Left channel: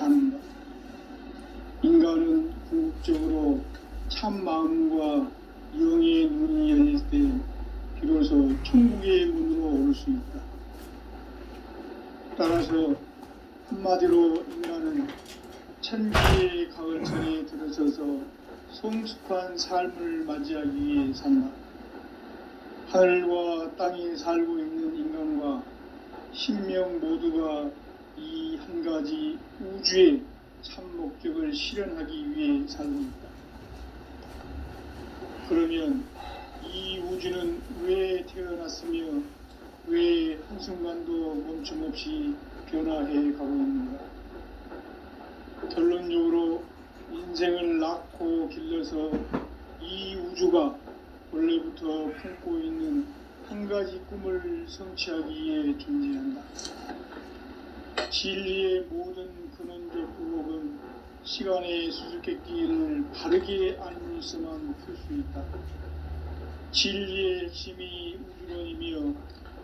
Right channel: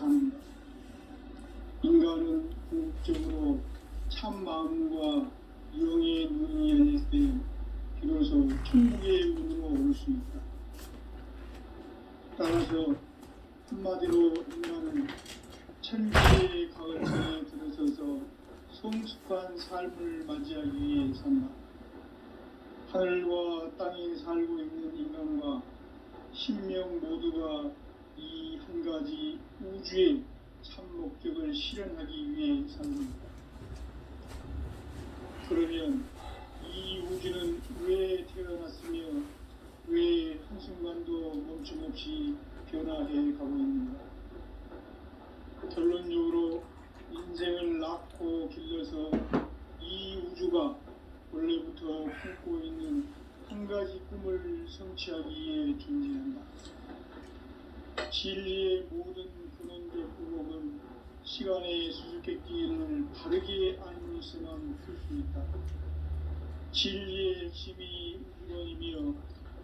사는 것. 인간은 궁극적으로 참 마음과 영의 눈이 열릴 때 비로소 천국의 문으로 올 수 있다. 따라서 한마디로 인간은 천지의 가을철에 들어서서 성숙한 삶을 맞이하기 위해 산다. 하늘과 땅에 살고 있는 인간과 신명 모두가 이 한 가지 우주의 참 목적을 실현하기 위해 삽니다. 그러면 이 우주는 왜 태어났으며 왜 한순간도 멈춤없이 변화해 가고 있는가? 결론적으로 인생을 낳고 길러서 이 우주가 원래부터 품고 있는 한 가지 꿈을 성취하기 위해 존재한다. 진리의 모든 근원적 의혹은 시간의 수수께끼를 바르게 알면서만 풀 수 있다. 진리의 핵심이 우주론이며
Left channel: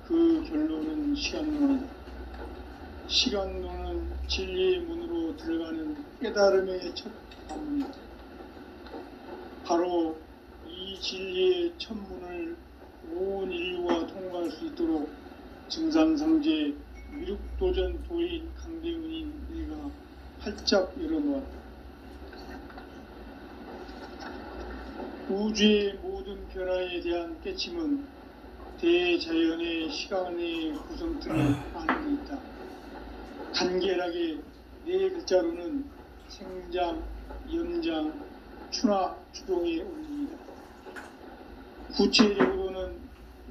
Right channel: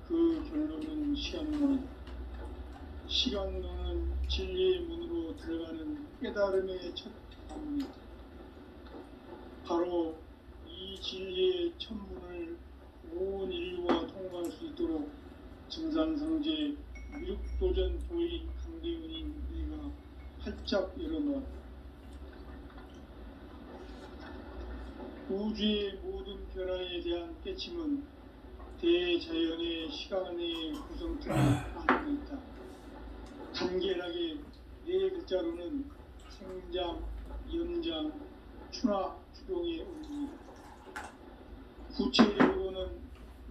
그 결론은 시간론이다. 시간론은 진리의 문으로 들어가는 깨달음의 첫 방문이다. 바로 이 진리의 첫 문을 온 인류가 통과할 수 있도록 증산상제 미륵도전 도인 강대훈인 내가 활짝 열어놓았다. 우주의 모든 변화에 대한 깨침은 대자연의 시간의 구성틀을 안고 있다. 간결하게 네 글자로는 생장, 연장, 추나 추동의 원리이다. 구체적으로는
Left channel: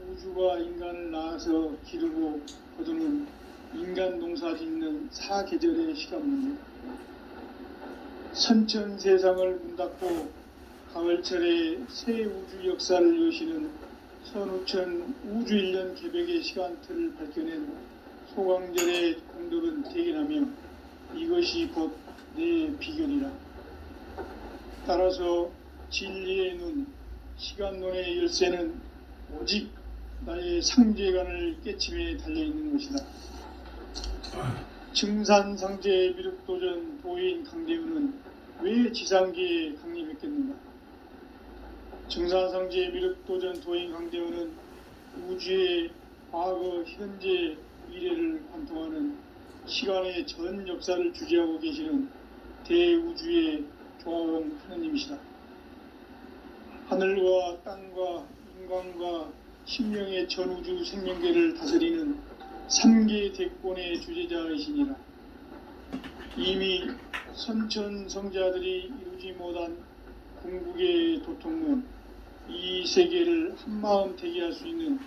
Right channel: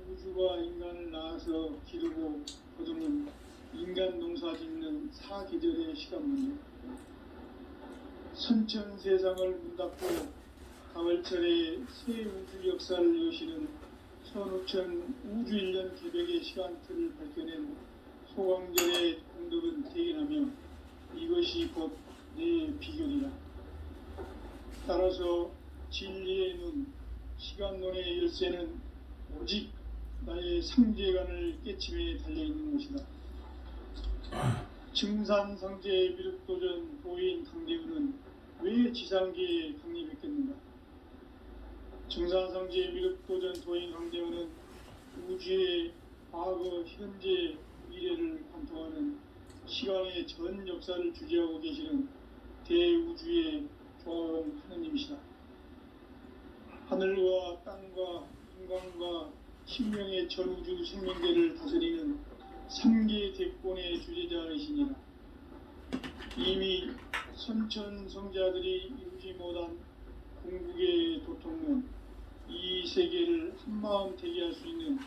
우주가 인간을 낳아서 기르고 거두는 인간 농사 짓는 사계절의 시간 문제. 선천 세상을 문 닫고 가을철에 새 우주 역사를 여시는 선우천 우주 1년 개벽의 시간틀을 밝혀낸 소강절의 공덕은 대견하며 이것이 곧 내 비결이라. 따라서 진리의 눈, 시간론의 열쇠는 오직 나의 상제관을 깨침에 달려있는 것이다. 증산상제 미륵도전 도인 강대훈은 왜 지상계에 강림했겠는가? 증산상제 미륵도전 도인 강대훈은 우주의 과거, 현재, 미래를 관통하는 시간의 전 역사를 주재하고 계시는 대우주의 조화원 하느님이시다. 하늘과 땅과 인간과 신명의 전우주 생명계를 다스리는 3계 대권의 주제자이시니라. 이미 선천성자들이 이루지 못한 궁극의 도통문, 이 세계를 한마음 되게 할 수 있는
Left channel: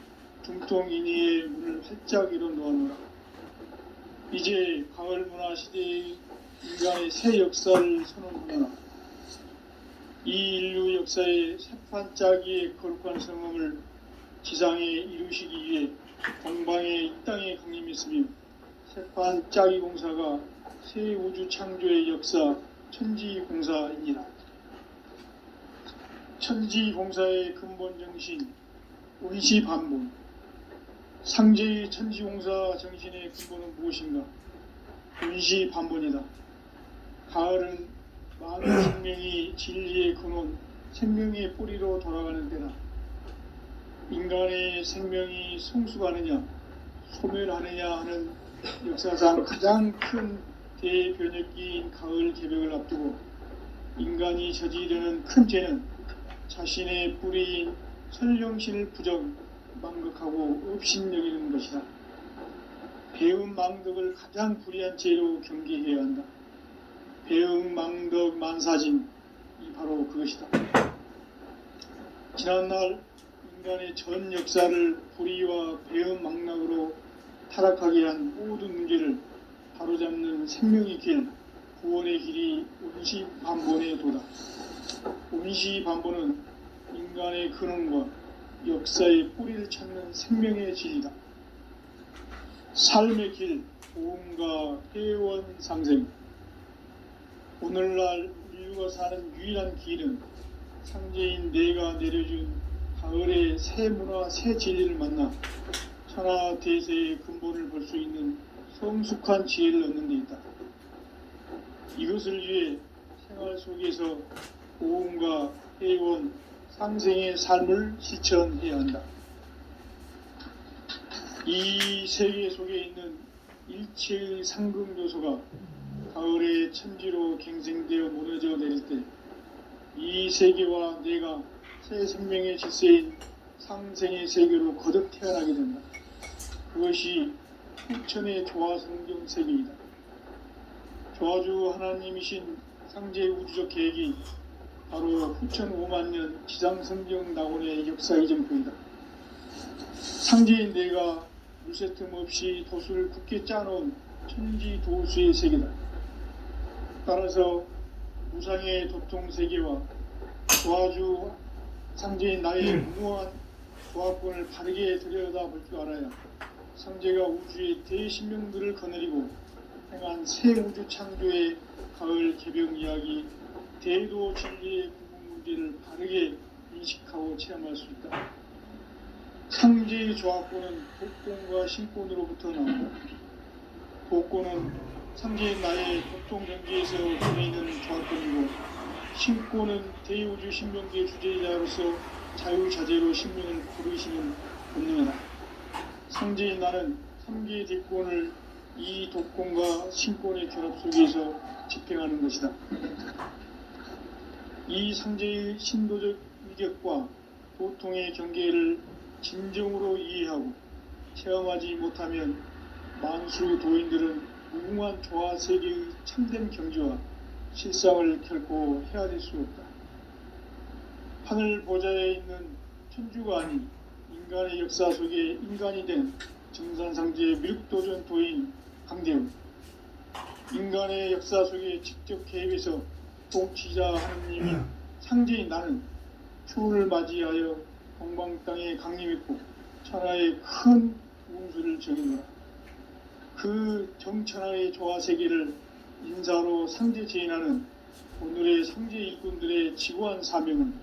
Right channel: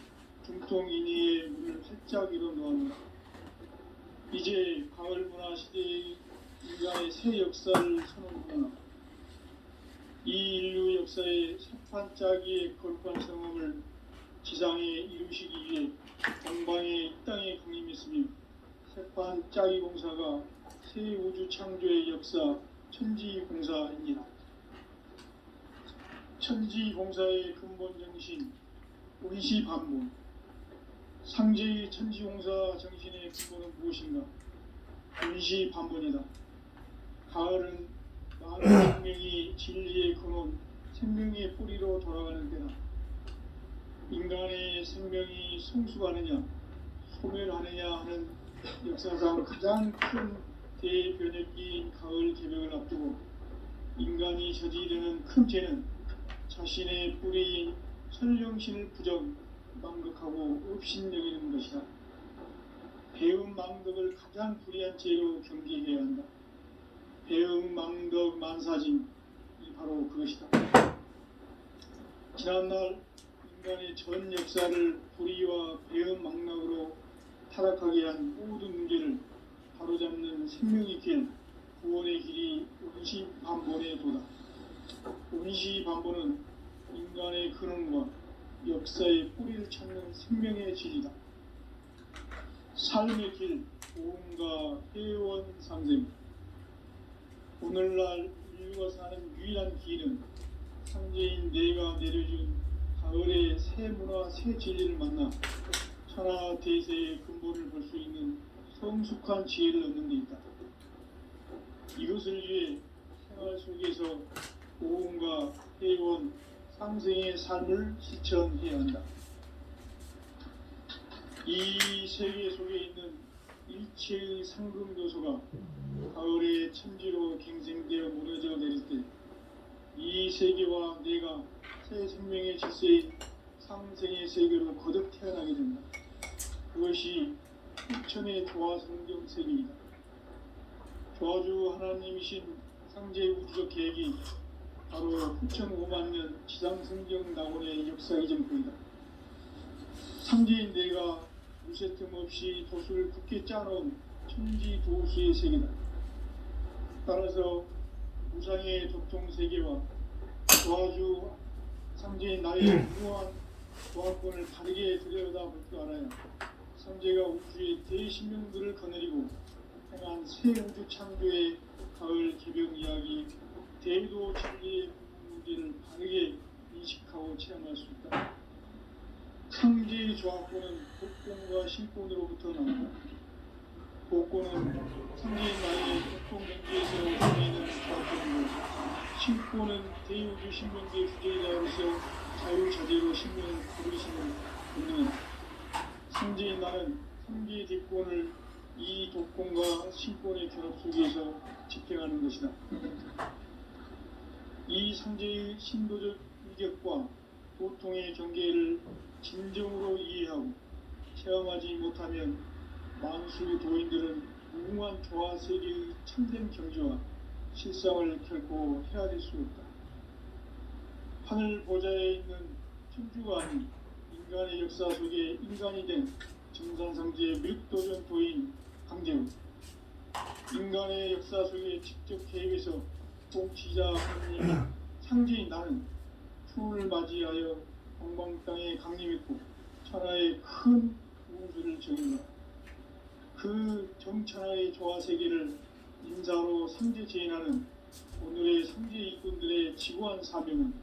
중통인의의 문을 활짝 열어 놓아놓으라. 이제 가을 문화 시대의 인간의 새 역사를 선언하라. 이 인류 역사의 새판짜기의 거룩한 성음을 지상에 이루시기 위해 동방의 이 땅에 강림했으며 새판짜기 공사가 새 우주 창조의 역사 천지공사입니다. 천지공사의 근본 정신 운시반복. 상제의 천지공사 정신의 근본은 무엇인가? 운시반복이다. 가을은 많은 생명이 진리의 근원, 생명의 뿌리로 돌아가는 때다. 인간의 생명이 성숙하느냐, 소멸하느냐 하는 역사상 가장 큰 대변혁기인 가을 개벽을 앞두고 인간이 저지르는 큰 죄는 자신의 뿌리인 설령신을 부정, 망극하고 업신여기는 것이다. 배움 망덕을 가장 불의한 죄로 경계해야 한다. 배움 망덕 만사진, 이 바로 그것이다. 지난날 인간의 전 역사를 불의와 배움 망락으로 타락하게 한 모든 문제를 바로잡는 생명의 길, 구원의 길이 운시반본의 도다. 운시반본은 인간의 근원과 역사의 뿌리를 찾는 생명의 진리다. 삶의 길, 도움과 회원 상생. 오늘날 인류가 사는 유일한 길은 상제인 내가 내려준 가을의 새 문화, 새 진리를 만나 천하대세의 근본을 볼 수 있는 성숙한 지혜를 얻는 데 있다. 이것을 위해 생활 속에서 고음과 회원, 상생의 삶을 실천해야 한다. 이 세계 속에 있는 일체의 상금 요소가 가을의 천지로 갱생되어 무너져 내릴 때 이 세계와 내가 새 생명의 질서인 상생의 세계로 거듭 태어나게 된다. 그것이 후천의 조화성경 세계이다. 조화주 하나님이신 상제 우주적 계획이 바로 후천 5만 년 지상성경 낙원의 역사의 전부이다. 상제인 내가 물새틈 없이 도수를 굳게 짜놓은 천지 도수의 세계다. 따라서 무상의 도통 세계와 조화주 상제인 나의 무모한 조화권을 바르게 들여다볼 줄 알아야 상제가 우주의 대신명들을 거느리고 행한 새 우주 창조의 가을 개벽 이야기, 대도 진리의 부분 문제를 바르게 인식하고 체험할 수 있다. 상제의 조화권은 복권과 신권으로부터 나오고 복권은 상제인 나의 보통 경지에서 보내는 조화권이고 신권은 대우주 신명계 주제자로서 자유자재로 신명을 부르시는 본능이다. 상제인 나는 3개의 뒷권을 이 독권과 신권의 결합 속에서 집행하는 것이다. 이 상제의 신도적 위격과 도통의 경계를 진정으로 이해하고 체험하지 못하면 만수 도인들은 무궁한 조화 세계의 참된 경지와 실상을 결코 헤아릴 수 없다. 하늘 보좌에 있는 천주가 아닌 인간의 역사 속에 인간이 된 정산상제의 밀도전 도인 강대우, 인간의 역사 속에 직접 개입해서 통치자 하느님이 상제인 나는 추운을 맞이하여 동방 땅에 강림했고 천하의 큰 운수를 적인다. 그 정천하의 조화 세계를 인사로 상제 제인하는 오늘의 상제 일꾼들의 지구한 사명은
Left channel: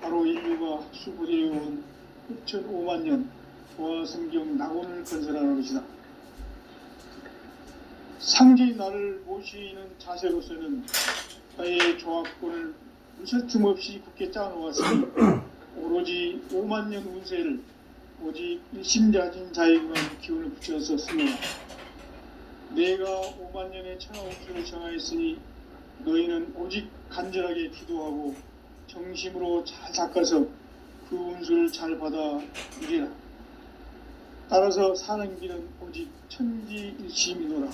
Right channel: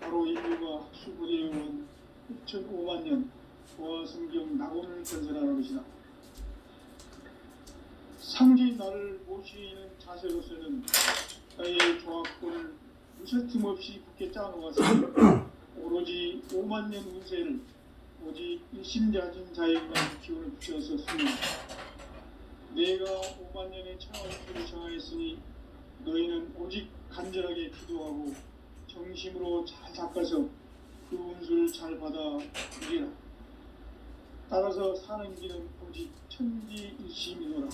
바로 인류가 학수부대해온 6,5만 년 조화성경 낙원을 건설하는 것이다. 상제인 나를 모시는 자세로서는 나의 조합권을 무설틈 없이 굳게 짜놓았으니 오로지 5만 년 운세를 오직 일심자진 자에게만 기운을 붙여서 씁니다. 내가 5만 년의 천하 운수를 정하였으니 너희는 오직 간절하게 기도하고 정심으로 잘 닦아서 그 운수를 잘 받아 누리라. 따라서 사는 길은 오직 천지일심이노라.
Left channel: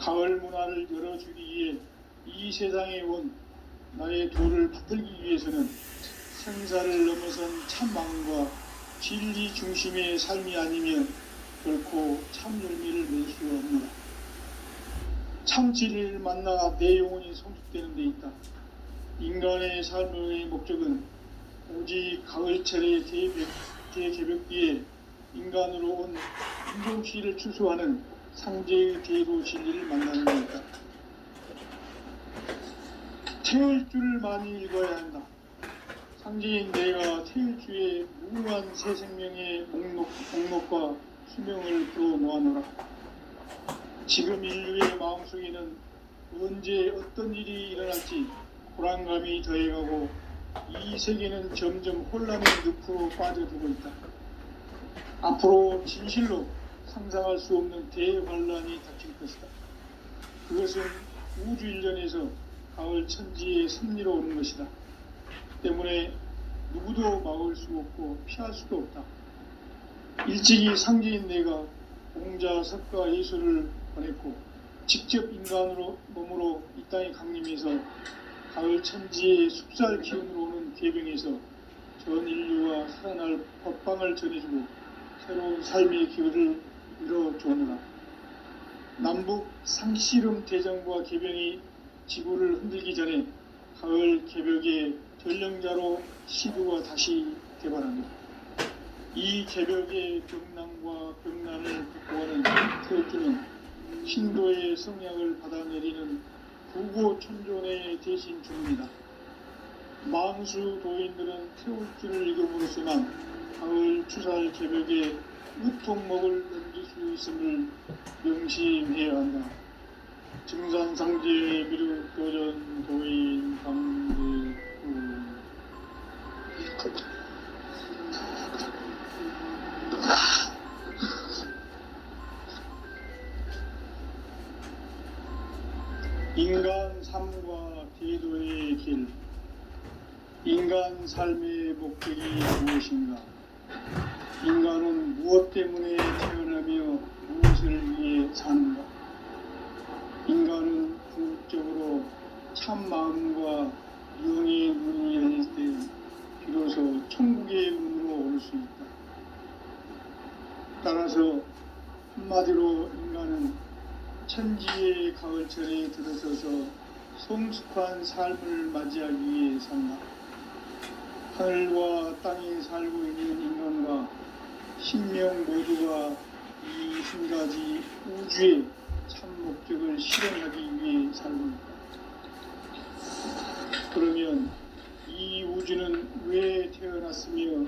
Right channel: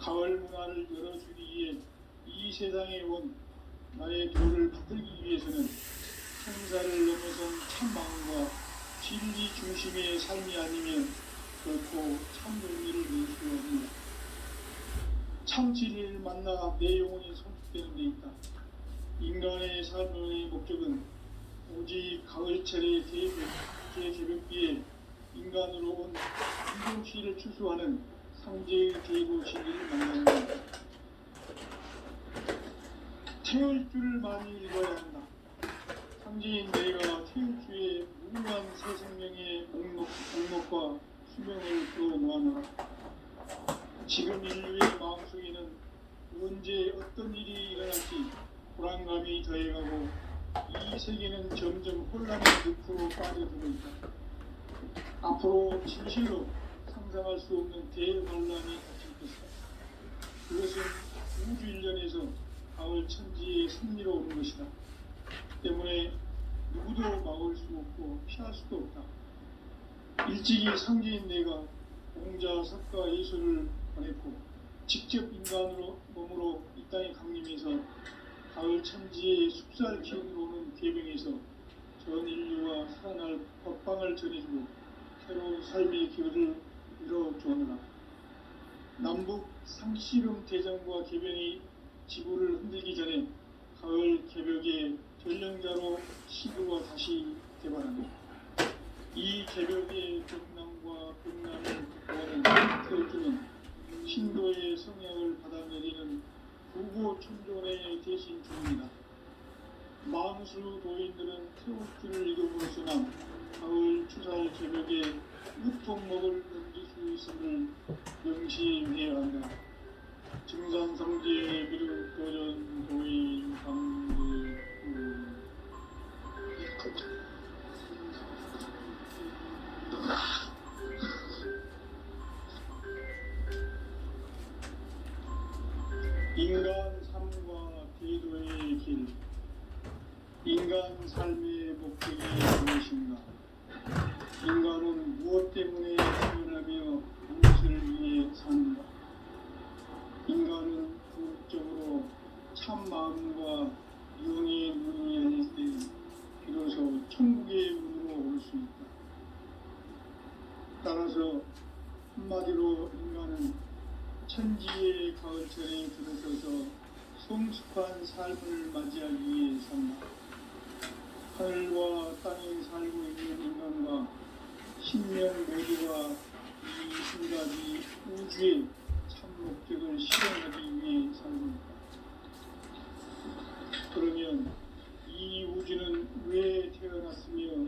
가을 문화를 열어주기 위해 이 세상에 온 나의 도를 붙들기 위해서는 생사를 넘어선 참마음과 진리 중심의 삶이 아니면 결코 참 열매를 낼 수 없노라. 참 진리를 만나 내 영혼이 성숙되는 데 있다. 인간의 삶의 목적은 오직 가을철의 대개벽기에 인간으로 온 인종시를 추수하는 상제의 대도 진리를 만나는 것이다. 태울 줄을 많이 읽어야 한다. 상제인 내가 태울 주의 무궁한 새 생명의 목록과 수명을 풀어놓아노라. 지금 인류의 마음속에는 언제 어떤 일이 일어날지 불안감이 더해가고 이 세계는 점점 혼란의 늪으로 빠져들고 있다. 앞으로 진실로 상상할 수 없는 대환란이 닥칠 것이다. 그것은 우주 일련에서 가을 천지의 섭리로 오는 것이다. 때문에 누구도 막을 수 없고 피할 수도 없다. 일찍이 상제인 내가 공자, 석가, 예수를 보냈고 직접 인간으로 몸으로 이 땅에 강림해서 가을 천지의 숲살 기운으로 오는 계병에서 전 인류와 살아날 법방을 전해주고 새로운 삶의 기회를 이뤄주느라. 남북 상씨름 대전과 계병이 지구를 흔들기 전에 가을 개벽의 전령자로 시도가 다시 개발합니다. 이 개벽의 병난과 병난을 극복하는 태울주는 신도의 성향을 받아내리는 부고천존의 대신 중입니다. 망수 도인들은 태울주를 읽음으로써만 가을 추살 개벽의 우통목을 넘길 수 있음을 명심해야 한다. 증산상제 미륵도전 도인 강제구 인간 삶과 기도의 길. 인간 삶의 목적이 무엇인가? 인간은 무엇 때문에 태어나며 무엇을 위해 사는가? 인간은 궁극적으로 참 마음과 영의 문이 열릴 때 비로소 천국의 문으로 올 수 있다. 따라서 한마디로 인간은 천지의 가을철에 들어서서 성숙한 삶을 맞이하기 위해 산다. 하늘과 땅에 살고 있는 인간과 신명 모두가 이 한 가지 우주의 참 목적을 실현하기 위해 살고 있다. 그러면 이 우주는 왜 태어났으며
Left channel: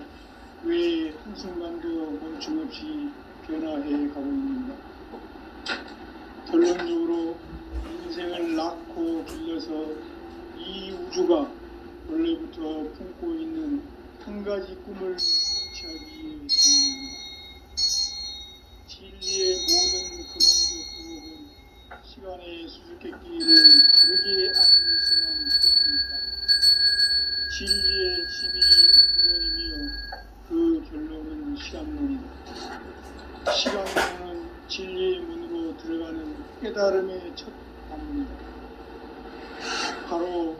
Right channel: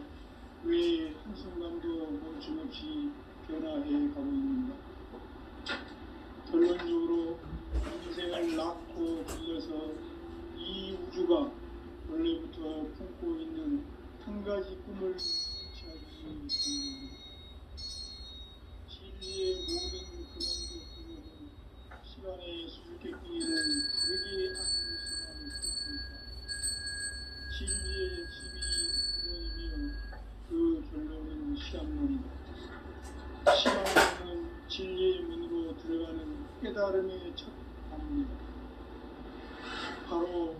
왜 한순간도 멈춤없이 변화해 가고 있는가? 결론적으로 인생을 낳고 길러서 이 우주가 원래부터 품고 있는 한 가지 꿈을 성취하기 위해 산다. 진리의 모든 근원적 부업은 시간의 수수께끼를 다르게 아는 수만 있습니다. 진리의 핵심이 이론이며 그 결론은 시간론이다. 시간론은 진리의 문으로 들어가는 깨달음의 첫 방문이다. 바로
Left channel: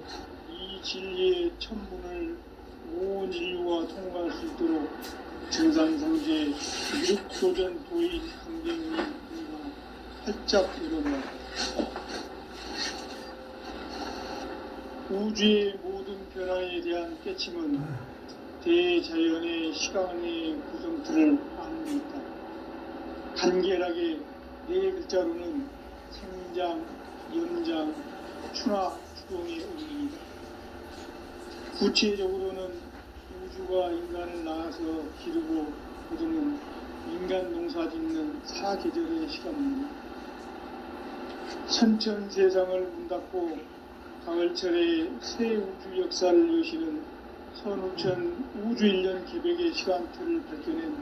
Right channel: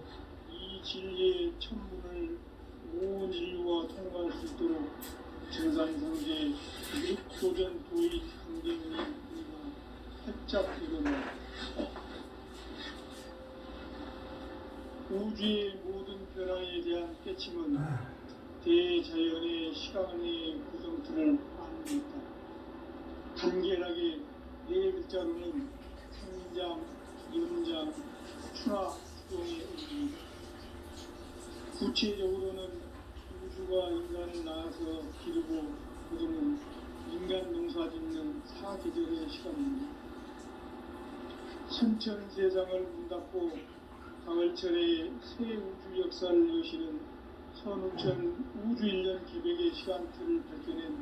이 진리의 첫 문을 온 인류가 통과할 수 있도록 증산상제 미륵도전 도인 강경이 활짝 열어놓았다. 우주의 모든 변화에 대한 깨침은 대자연의 시간의 구성틀을 아닙니다. 간결하게 네 글자로는 생장, 연장, 추락, 추동의 의미입니다. 구체적으로는 우주가 인간을 낳아서 기르고 거두는 인간 농사 짓는 사계절의 시간입니다. 선천세상을 문 닫고 가을철에 새 우주 역사를 여시는 선우천 우주일년 기백의 시간틀을 밝혀낸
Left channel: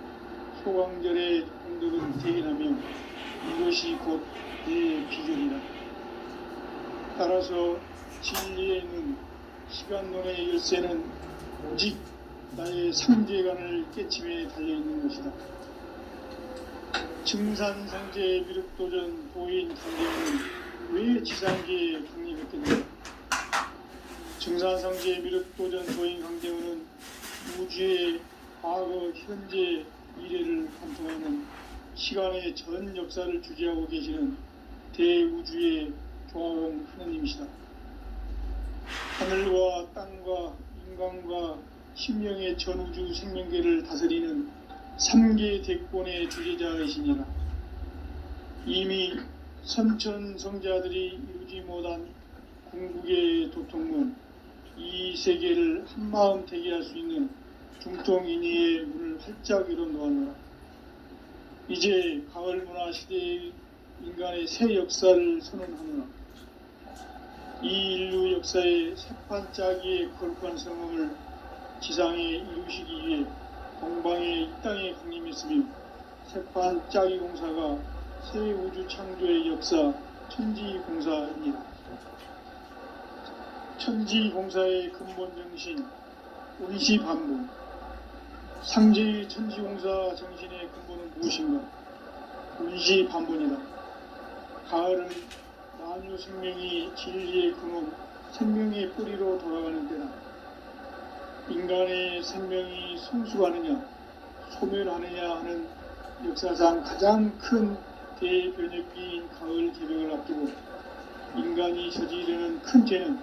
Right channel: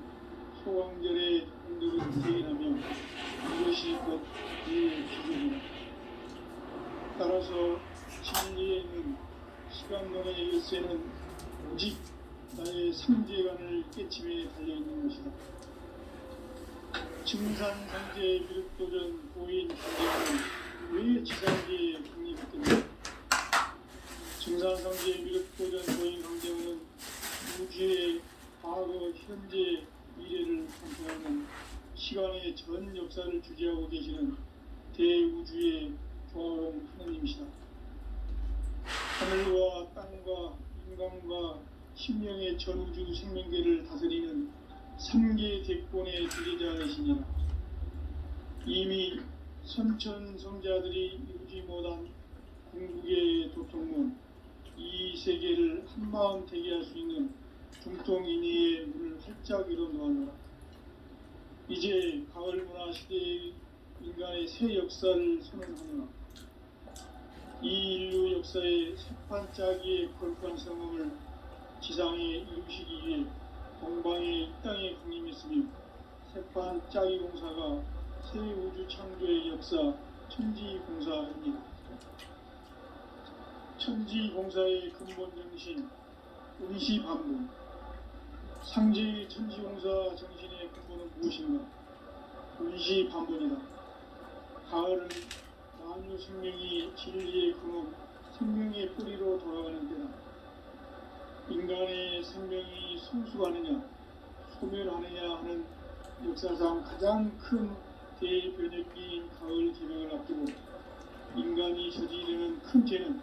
소강절의 공덕은 대인하며 이것이 곧 내 비전이다. 따라서 진리에는 시간론의 열쇠는 오직 나의 상제관을 깨침에 달려있는 것이다. 증산상제 미륵도전 도인 강제는 왜 지상계에 독립했겠는가? 증산상제 미륵도전 도인 강제는 우주의 과거, 현재, 미래를 관통하는 시간의 전 역사를 주재하고 계시는 대우주의 조화로운 하느님이시다. 하늘과 땅과 인간과 신명의 전우주 생명계를 다스리는 3계 대권의 주제자이시니라. 이미 선천성자들이 이루지 못한 궁극의 도통문, 이 세계를 한마음 되게 할 수 있는 중통인의의 문을 활짝 열어놓았노라. 이제 가을문화 시대의 인간의 새 역사를 선언하노라. 이 인류 역사의 새판짜기의 거룩한 성공을 지상에 이루시기 위해 동방의 이 땅에 강림했으며 새판짜기 공사가 새 우주 창조의 역사 천지공사입니다. 천지공사의 근본 정신 운시반복. 상제의 천지공사 정신의 근본은 무엇인가? 운시반복이다. 가을은 만유 생명이 진리의 근원, 생명의 뿌리로 돌아가는 때다. 인간의 생명이 성숙하느냐, 소멸하느냐 하는 역사상 가장 큰 대변혁기인 가을 개벽을 앞두고 인간이 저지르는 큰 죄는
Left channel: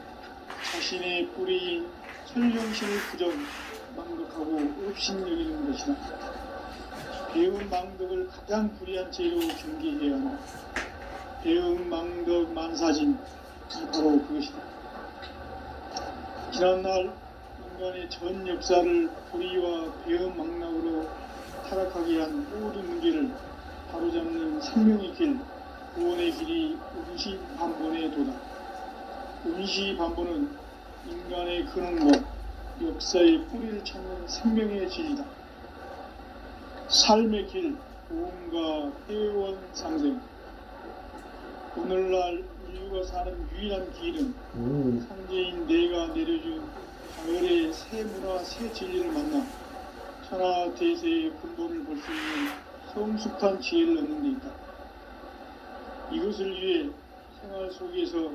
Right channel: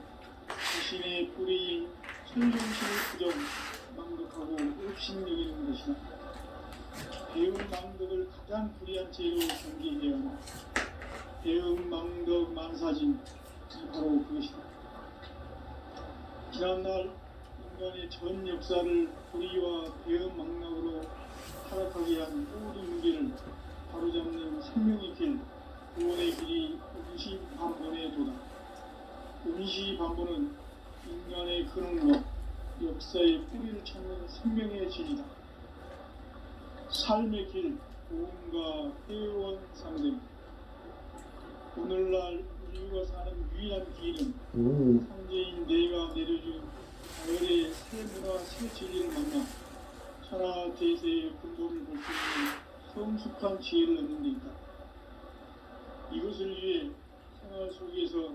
자신의 뿌리인 설령신을 부정, 망덕하고 업신여기는 것이다. 배운 망덕을 가장 불의한 죄로 경계해야 한다. 배운 망덕 만사진, 바로 그것이다. 지난날 인간의 전 역사를 불의와 배은 망락으로 타락하게 한 모든 문제를 바로잡는 생명의 길, 구원의 길이 운시반본에 도다. 운시반본은 인간의 근원과 역사의 뿌리를 찾는 생명의 진리다. 삶의 길, 보험과 회원 상생. 오늘날 인류가 사는 유일한 길은 상제인 내가 내려준 가을의 새 문화, 새 진리를 만나 천하 대세의 근본을 볼 수 있는 성숙한 지혜를 얻는 데 있다. 이것을 위해 생활 속에서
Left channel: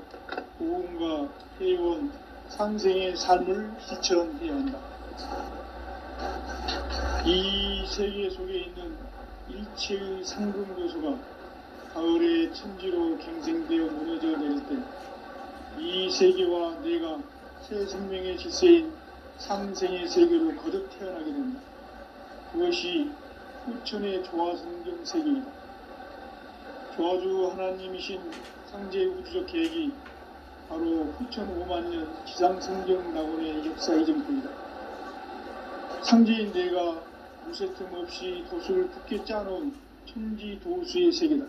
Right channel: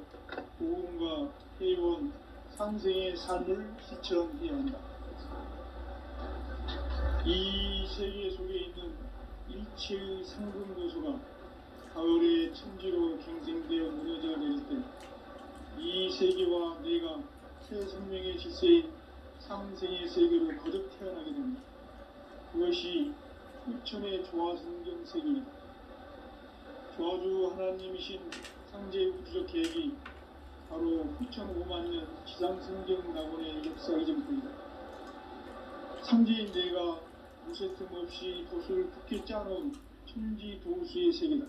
보험과 회원, 상생의 삶을 실천해야 한다. 이 세계 속에 있는 일체의 상금 요소가 가을의 천지로 갱생되어 무너져 내릴 때 이 세계와 내가 새 생명의 질서인 상생의 세계로 거듭 태어나게 됩니다. 그것이 후천의 조화성경 세계이다. 조화주 하나님이신 상제 우주적 계획이 바로 후천 5만년 지상성경 낙원의 역사 이전부이다. 상제인 내가 무쇠틈 없이 도수를 굳게 짜놓은 천지 도수의 세계다.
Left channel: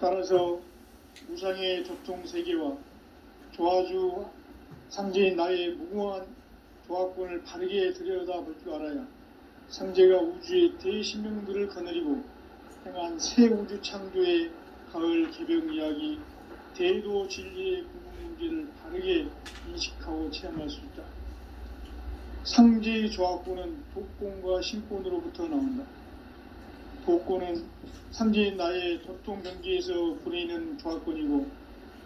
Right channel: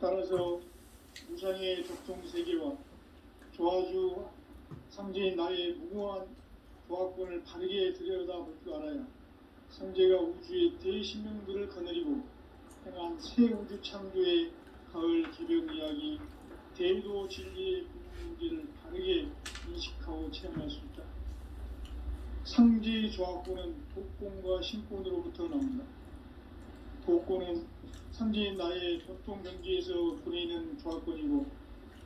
따라서 무상의 적통세계와 조화주 상제인 나의 무궁한 조화권을 바르게 들여다볼 줄 알아야 상제가 우주의 대신명들을 거느리고 행한 새 우주 창조의 가을 개벽 이야기, 대도 진리의 구분 문제를 바르게 인식하고 체험할 수 있다. 상제의 조화권은 독권과 신권으로부터 나온다. 독권은 상제인 나의 도통경계에서 부리는 조화권이고,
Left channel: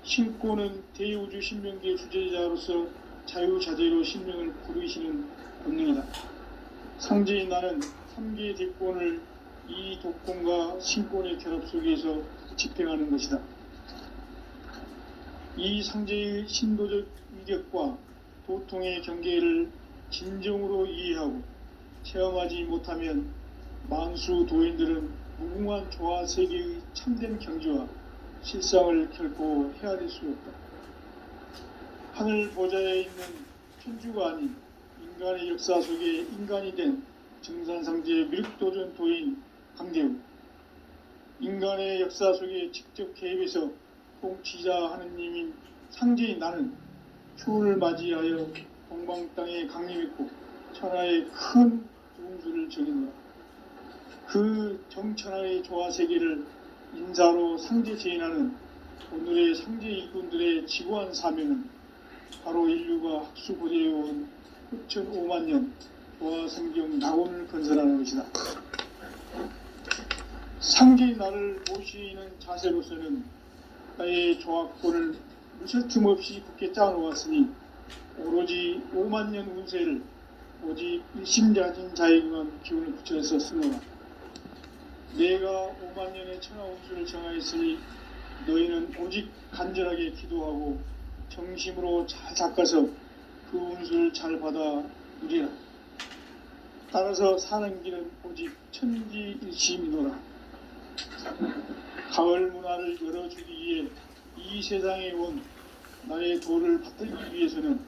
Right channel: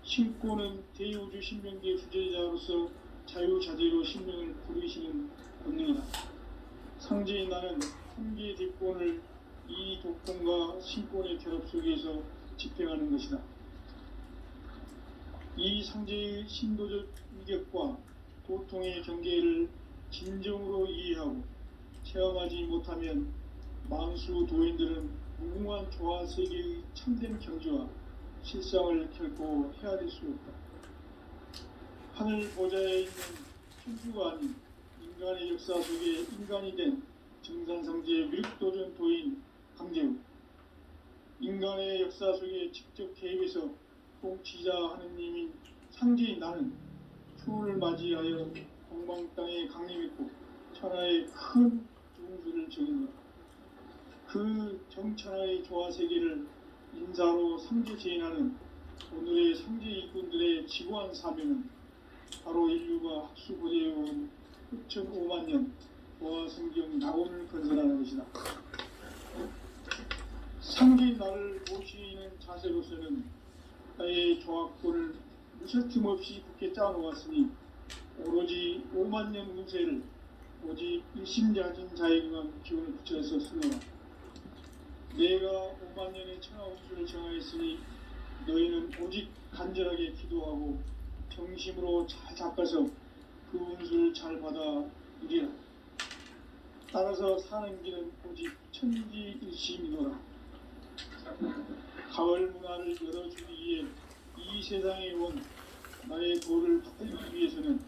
신권은 대우주 신명계의 주제자로서 자유자재로 신명을 부르시는 본능이다. 상제인 나는 3개의 대권을 이 독권과 신권의 결합 속에서 집행하는 것이다. 이 상제의 신도적 위격과 도통의 경계를 진정으로 이해하고 체험하지 못하면 만수 도인들은 무궁한 조화 세계의 참된 경지와 실상을 결코 헤아릴 수 없다. 하늘 보좌에 있는 천주가 아닌 인간의 역사 속에 인간이 된 정산상제의 밀도전 도인 강대우, 인간의 역사 속에 직접 개입해서 통치자 하느님인 상제인 나는 추운을 맞이하여 동방 땅에 강림했고 천하의 큰 운수를 정했노라. 그 정천하의 조화세계를 인사로 상제 제인하는 오늘의 상제 일꾼들의 지구한 사명은 바로 인류가 학수고대해온 후천 5만년 조화성경 낙원을 건설하는 것이다. 상제인 나를 모시는 자세로서는 나의 조화권을 무쇠 틈 없이 굳게 짜놓았으니 오로지 5만년 운세를 오직 일심자진 자에게만 기운을 붙여서 쓰노라. 내가 5만년의 천하 운수를 정하였으니 너희는 오직 간절하게 기도하고 정심으로 잘 닦아서 그 운수를 잘 받아 누리라. 따라서 사는 길은 오직 천지일심이노라. 가을 문화를 열어주기 위해 이 세상에 온 나의 도를 받들기 위해서는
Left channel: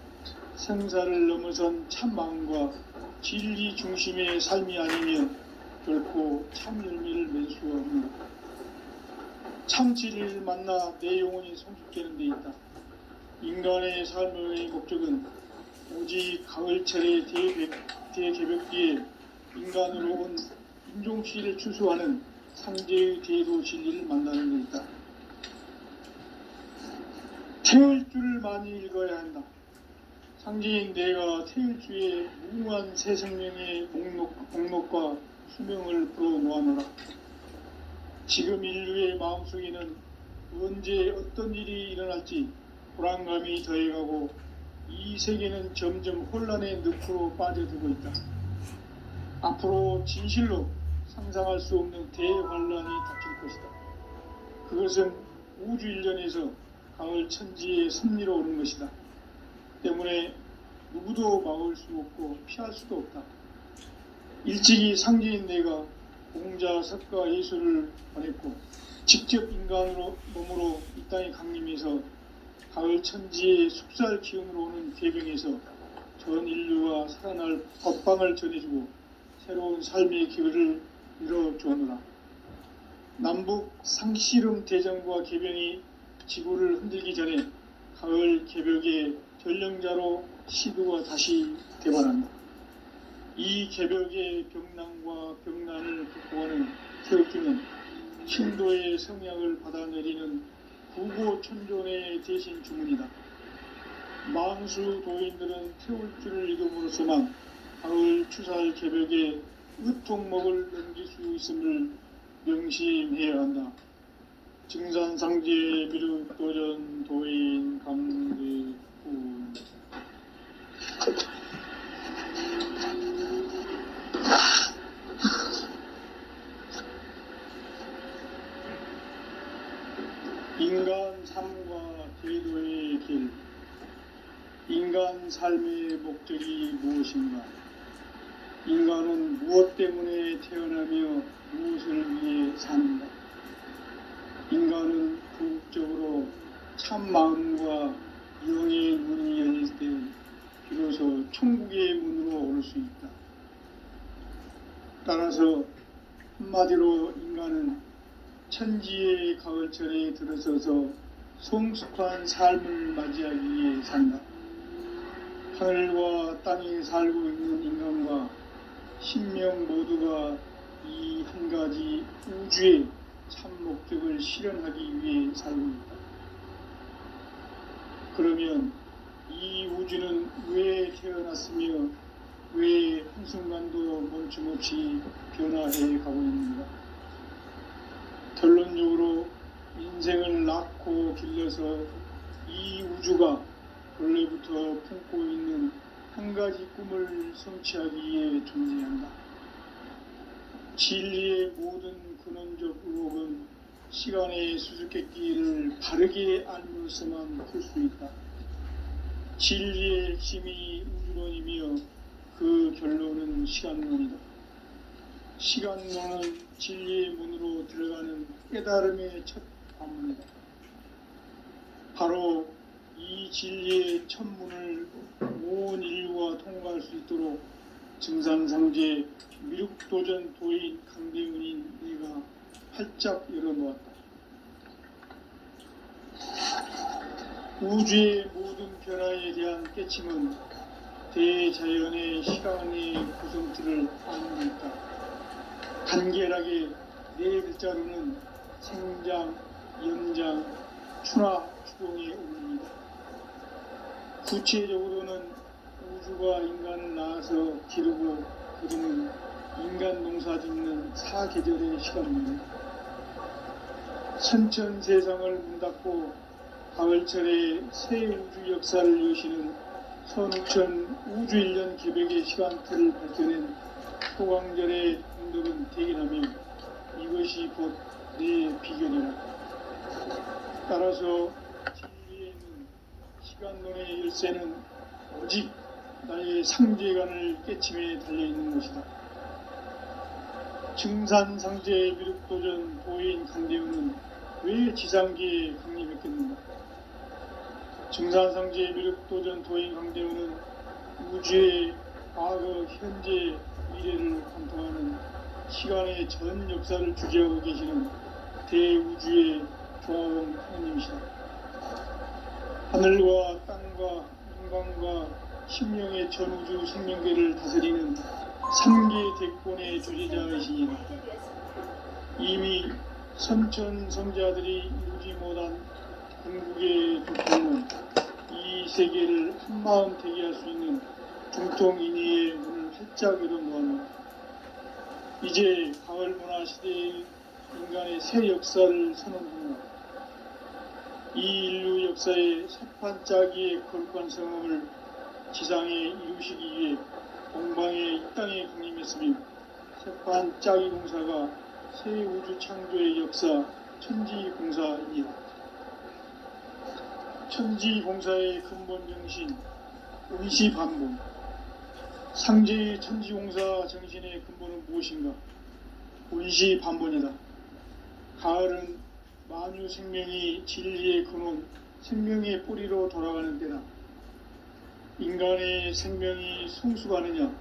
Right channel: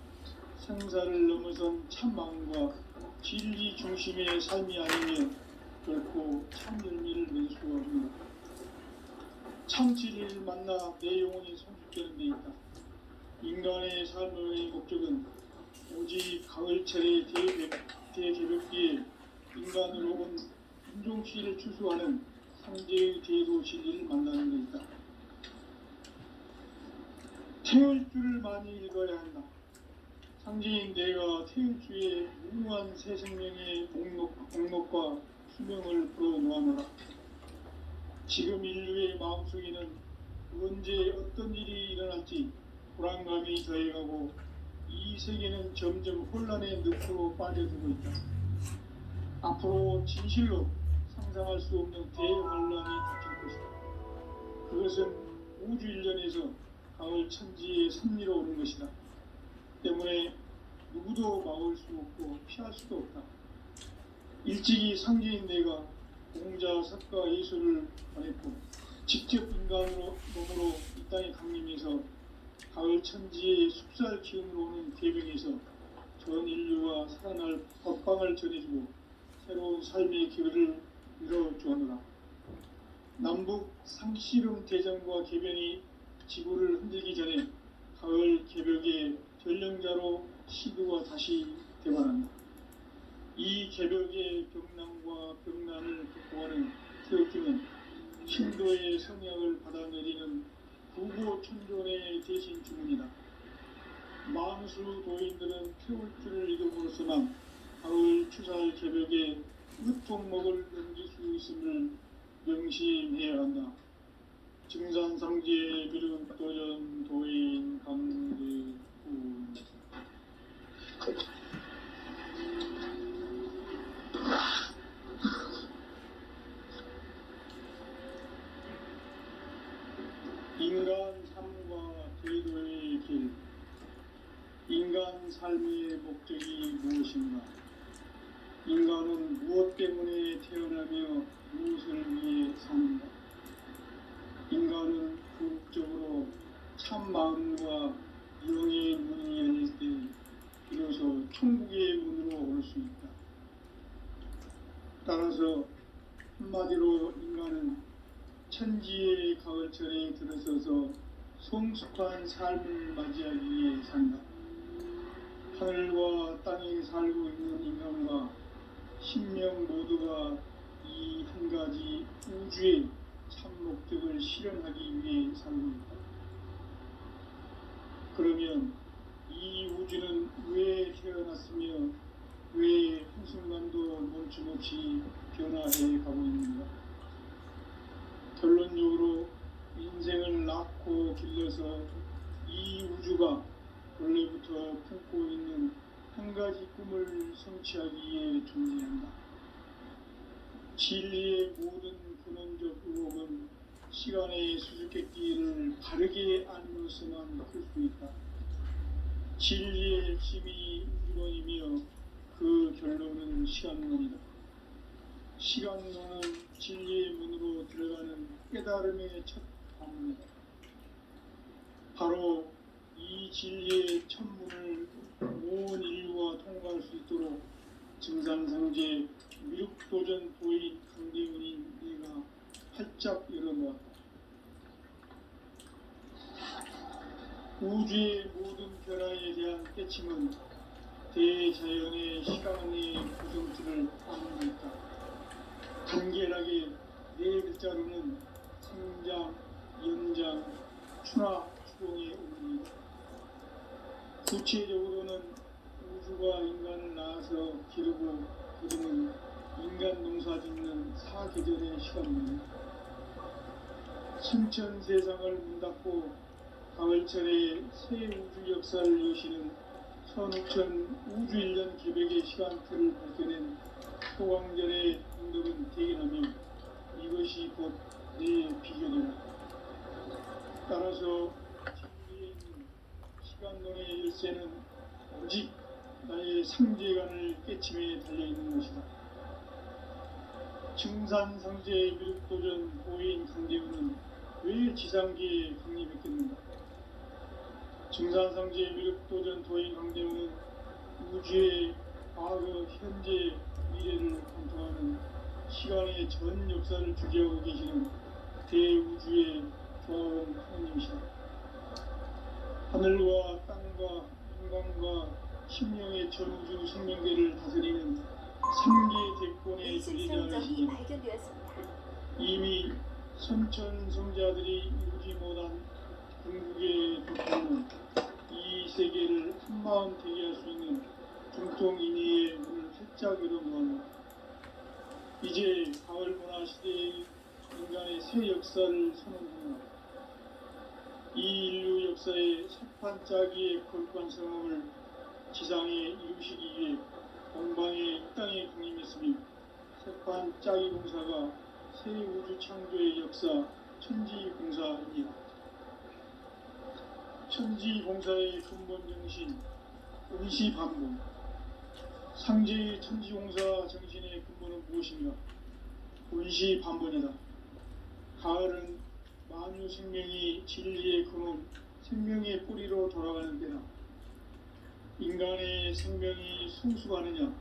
생사를 넘어선 참마음과 진리 중심의 삶이 아니면 결코 참 열매를 낼 수가 없는 것. 참 진리를 만나 내 영혼이 성숙되는 데 있다. 인간의 삶의 목적은 오직 가을철의 대개벽기에 인간으로 온 인종시를 추수하는 상제의 대도 진리를 만나는 데 있다. 태울 줄을 많이 읽어야 한다. 상제인 내가 태울 주의 무궁한 새 생명의 목록과 수명을 불어놓아노라. 지금 인류의 마음속에는 언제 어떤 일이 일어날지 불안감이 더해가고 이 세계는 점점 혼란의 늪으로 빠져들고 있다. 앞으로 진실로 상상할 수 없는 대혼란이 닥칠 것이다. 그것은 우주 일련에서 가을 천지의 섭리로 오는 것이다. 때문에 누구도 막을 수 없고 피할 수도 없다. 일찍이 상제인 내가 공자, 석가, 예수를 보냈고 직접 인간으로 몸으로 이 땅에 강림해서 가을 천지의 숙살 기운으로 오는 계병에서 전 인류가 살아날 법방을 전해주고 새로운 삶의 기회를 이뤄주었노라. 남북 상씨름 대전과 개변이 지구를 흔들기 전에 가을 개벽의 전령자로 시도가 다시 되반합니다. 이 개벽의 벽난과 벽난을 극복하는 태극기는 신도의 성약을 받아내리는 구고천존의 대신 주문이다. 망수 도인들은 태울 줄을 읽음으로써만 가을 추살 개벽의 으통목을 넘길 수 있음을 명심해야 한다. 증산상제 미륵도전 도인 강대구. 인간 삶과 대도의 길. 인간 삶의 목적이 무엇인가? 인간은 무엇 때문에 태어나며 무엇을 위해 사는가? 인간은 궁극적으로 참 마음과 영의 문이 열릴 때 비로소 천국의 문으로 올 수 있다. 따라서 한마디로 인간은 천지의 가을철에 들어서서 성숙한 삶을 맞이하기 위해 산다. 하늘과 땅에 살고 있는 인간과 신명 모두가 이 한 가지 우주의 참 목적을 실현하기 위해 살고 있다. 그러면 이 우주는 왜 태어났으며 왜 한순간도 멈춤없이 변화해 가고 있는가? 결론적으로 인생을 낳고 길러서 이 우주가 원래부터 품고 있는 한 가지 꿈을 성취하기 위해 존재한다. 진리의 모든 근원적 의혹은 시간의 수수께끼를 바르게 알면서만 풀 수 있다. 진리의 핵심이 우주론이며 그 결론은 시간론이다. 시간론은 진리의 문으로 들어가는 깨달음의 첫 관문이다. 바로 이 진리의 첫 문을 온 인류가 통과할 수 있도록 증산상제 미륵도전 도인 강대훈인 네가 활짝 열어놓았다. 우주의 모든 변화에 대한 깨침은 대자연의 시간의 구성틀을 안고 있다. 간결하게 네 글자로는 생장, 연장, 추나, 추동에 오릅니다. 구체적으로는 우주가 인간을 낳아서 기르고 그리는 인간 농사 짓는 사계절의 시간입니다. 선천세상을 문닫고 가을철에 새 우주 역사를 여시는 선우천 우주일년 개벽의 시간틀을 밝혀낸 소강절의 공덕은 대견하며 이것이 곧 내 비결이라. 따라서 진리에는 시간론의 열쇠는 오직 나의 상제관을 깨침에 달려있는 것이다. 증산상제 미륵도전 도인 강대훈은 왜 지상계에 강림했겠는가? 증산상제 미륵도전 도인 강대훈은 우주의 과거, 현재, 미래를 관통하는 시간의 전 역사를 주재하고 계시는 대우주의 조화원 하나님이시다. 하늘과 땅과 인간과 심령의 전우주 생명계를 다스리는 3개 대권의 존재자이시니 이미 선천성자들이 이루지 못한 궁극의 조건은 이 세계를 한마음 되게 할 수 있는 중통인의의 문을 활짝 열어놓았다. 이제 가을 문화 시대의 인간의 새 역사를 선언합니다. 이 인류 역사의 삿판짜기의 거룩한 성험을 지상에 이루시기 위해 동방의 이 땅에 강림했으며 삿판짜기 공사가 새 우주 창조의 역사 천지공사입니다. 천지공사의 근본 정신 의시반복. 상제의 천지공사 정신의 근본은 무엇인가? 의시반복이다. 가을은 만유 생명이 진리의 근원, 생명의 뿌리로 돌아가는 때다. 인간의 생명이 성숙하느냐,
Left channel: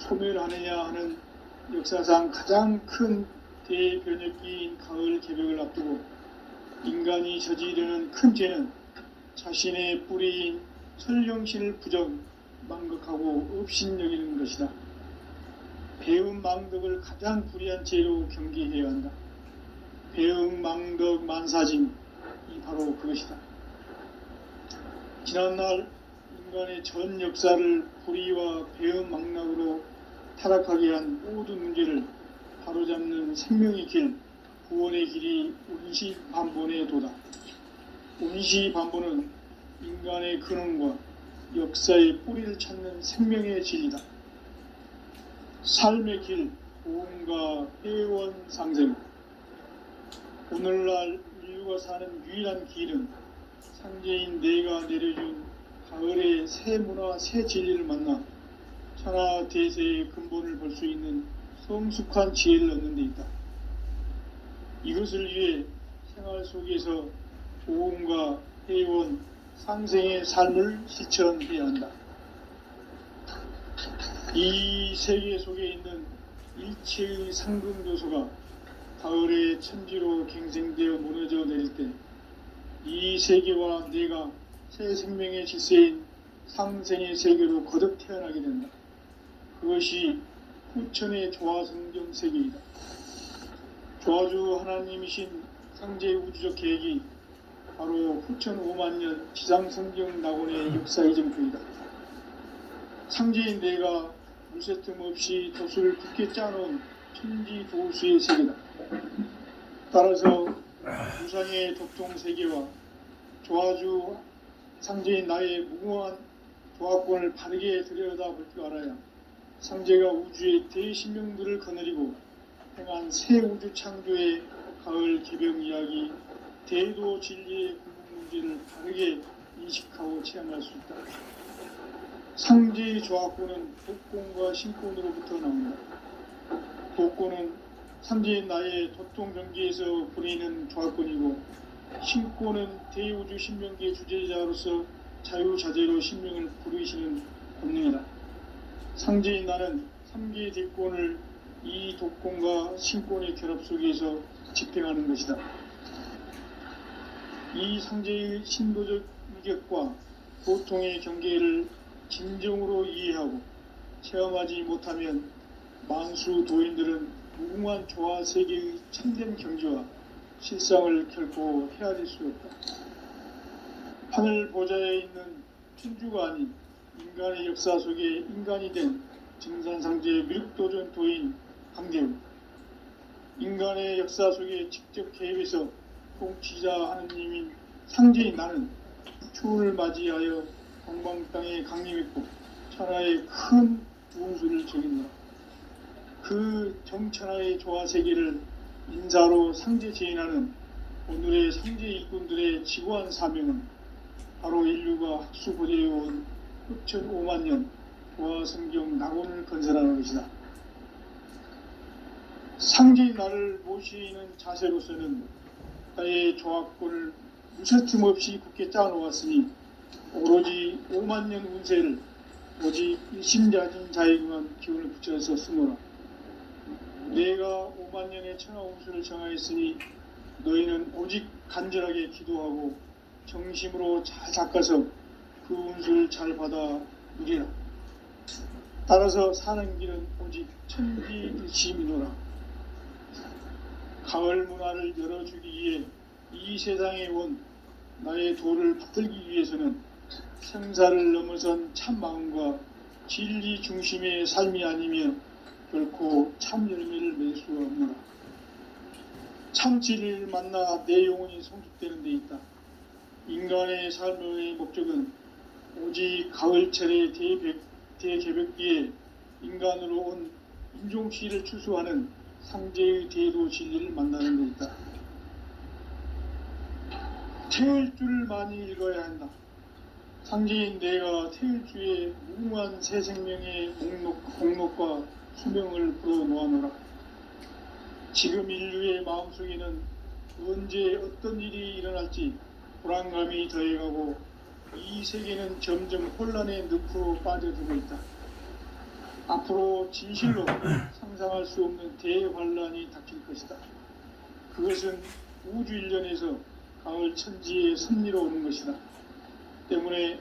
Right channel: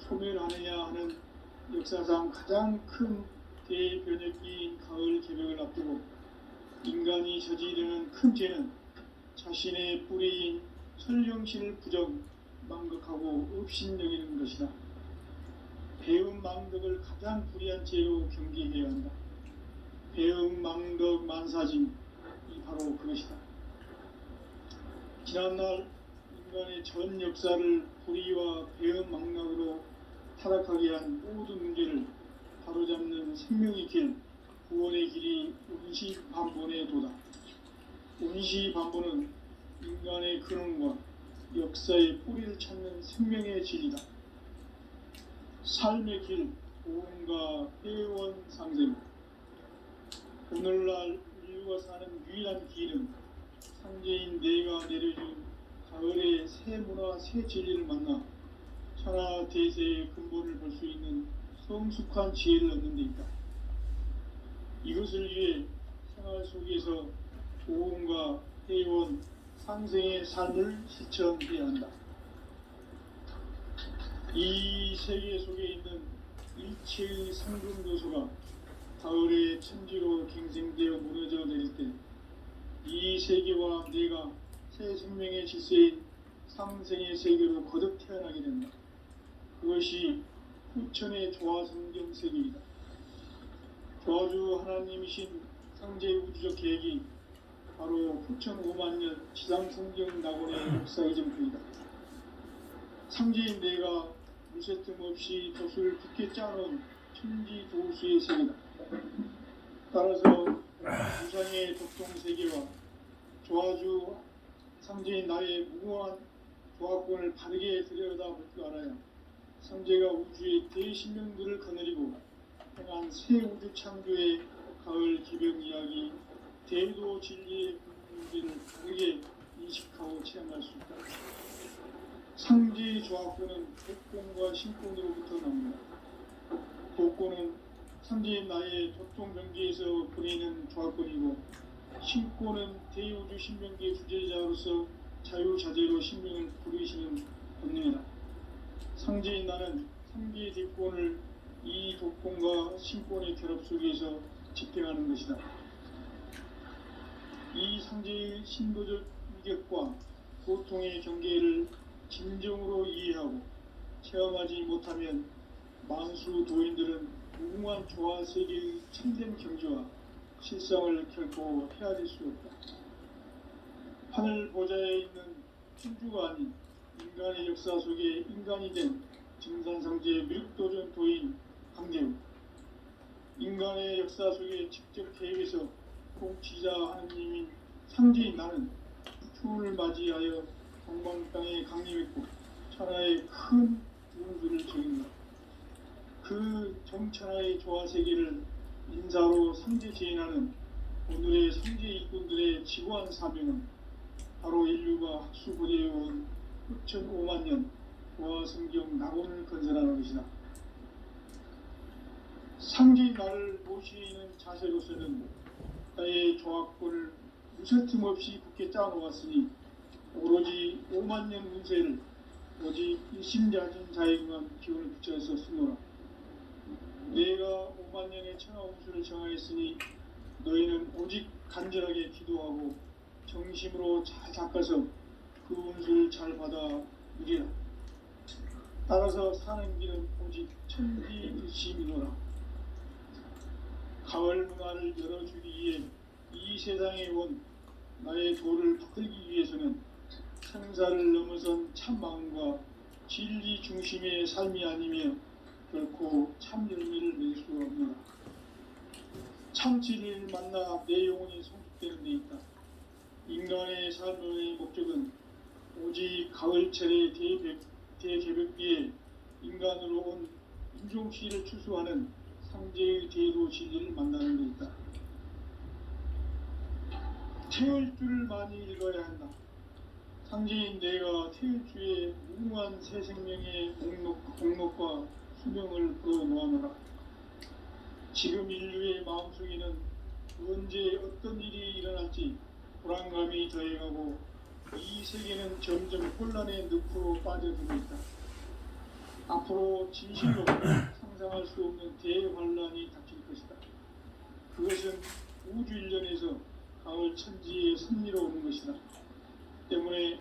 소멸하느냐 하는 역사상 가장 큰 대변혁기인 가을 개벽을 앞두고 인간이 저지르는 큰 죄는 자신의 뿌리인 설령신을 부정, 망각하고 업신여기는 것이다. 배음 망덕을 가장 불의한 죄로 경계해야 한다. 배음 망덕 만사짐이 바로 그것이다. 지난날 인간의 전 역사를 불의와 배음 망락으로 타락하게 한 모든 문제를 바로잡는 생명의 길, 구원의 길이 운시반본에 도다. 운시반본은 인간의 근원과 역사의 뿌리를 찾는 생명의 진리다. 삶의 길, 고음과 회원 상생. 오늘날 인류가 사는 유일한 길은 상제인 내가 내려준 가을의 새 문화, 새 진리를 만나 천하 대세의 근본을 볼 수 있는 성숙한 지혜를 얻는 데 있다. 이것을 위해 생활 속에서 고음과 회원, 상생의 삶을 실천해야 한다. 이 세계 속에 있는 일체의 상금 요소가 가을의 천지로 갱생되어 무너져 내릴 때 이 세계와 내가 새 생명의 질서인 상생의 세계로 거듭 태어나게 된다. 그것이 후천의 조화성경 세계이다. 조화주 하나님이신 상제 우주적 계획이 바로 후천 5만년 지상성경 낙원의 역사 이전표이다. 상제인 내가 무쇠틈 없이 돛을 굳게 짜놓은 천지 도수의 세계다. 따라서 우상의 독종 세계와 조화주 상제인 나의 무궁한 조화권을 바르게 들여다볼 줄 알아야 상제가 우주의 대신명들을 거느리고 행한 새 우주 창조의 가을 개벽 이야기, 대도 진리의 궁극 문제를 바르게 인식하고 체험할 수 있다. 상제의 조화권은 독권과 신권으로부터 나온다. 독권은 상제인 나의 도통 경계에서 보내는 조화권이고, 신권은 대우주 신명계의 주제자로서 자유자재로 신명을 부르시는 권능이다. 상제인 나는 3개의 대권을 이 독권과 신권의 결합 속에서 집행하는 것이다. 이 상제의 신도적 위격과 보통의 경계를 진정으로 이해하고 체험하지 못하면 만수 도인들은 무궁한 조화 세계의 참된 경지와 실상을 결코 헤아릴 수 없다. 하늘 보좌에 있는 천주가 아닌 인간의 역사 속에 인간이 된 증산상제의 미륵도전 도인 강대우, 인간의 역사 속에 직접 개입해서 통치자 하느님인 상제인 나는 추운을 맞이하여 동방 땅에 강림했고 천하의 큰 운수를 적인다. 그 정천하의 조화 세계를 인사로 상제 제인하는 오늘의 상제 일꾼들의 지구한 사명은 바로 인류가 학수고대해온 후천 5만년 조화 성경 낙원을 건설하는 것이다. 상제의 나를 모시는 자세로서는 나의 조화권을 무쇠틈 없이 굳게 짜놓았으니 오로지 5만년 운세를 오직 일심자진 자에게만 기운을 붙여서 쓰노라. 내가 5만년의 천하 운수를 정하였으니 너희는 오직 간절하게 기도하고 정심으로 잘 닦아서 그 운수를 잘 받아 누리라. 따라서 사는 길은 오직 천지일심이노라. 가을 문화를 열어주기 위해 이 세상에 온 나의 도를 붙들기 위해서는 생사를 넘어선 참 마음과 진리 중심의 삶이 아니면 결코 참 열매를 맺을 수 없노라. 참 진리를 만나 내 영혼이 성숙되는 데 있다. 인간의 삶의 목적은 오직 가을철의 대개벽기에 인간으로 온 인종시를 추수하는 상제의 대도 진리를 만나는 데 있다. 태울 줄을 많이 읽어야 한다. 상제인 내가 태울 주의 무궁한 새 생명의 목록과 수명을 풀어놓아노라. 지금 인류의 마음속에는 언제 어떤 일이 일어날지 불안감이 더해가고 이 세계는 점점 혼란의 늪으로 빠져들고 있다. 앞으로 진실로 상상할 수 없는 대환란이 닥칠 것이다. 그것은 우주 일련에서 가을 천지의 섭리로 오는 것이다. 때문에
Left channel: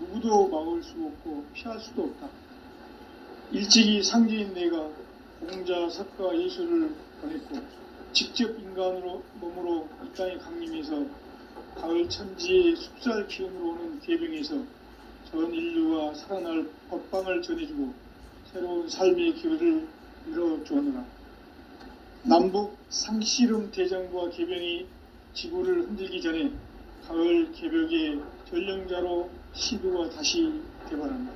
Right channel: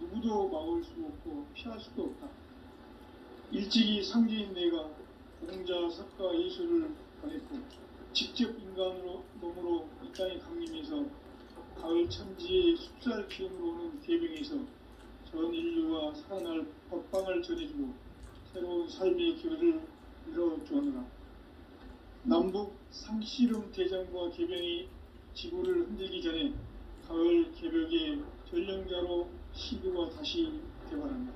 누구도 막을 수 없고 피할 수도 없다. 일찍이 상제인 내가 공자, 석가, 예수를 보냈고 직접 인간으로 몸으로 이 땅에 강림해서 가을 천지의 숲살 기운으로 오는 계병에서 전 인류가 살아날 법방을 전해주고 새로운 삶의 기회를 열어주었노라. 남북 상씨름 대장과 계병이 지구를 흔들기 전에 가을 개벽의 전령자로 시드가 다시 개발한다.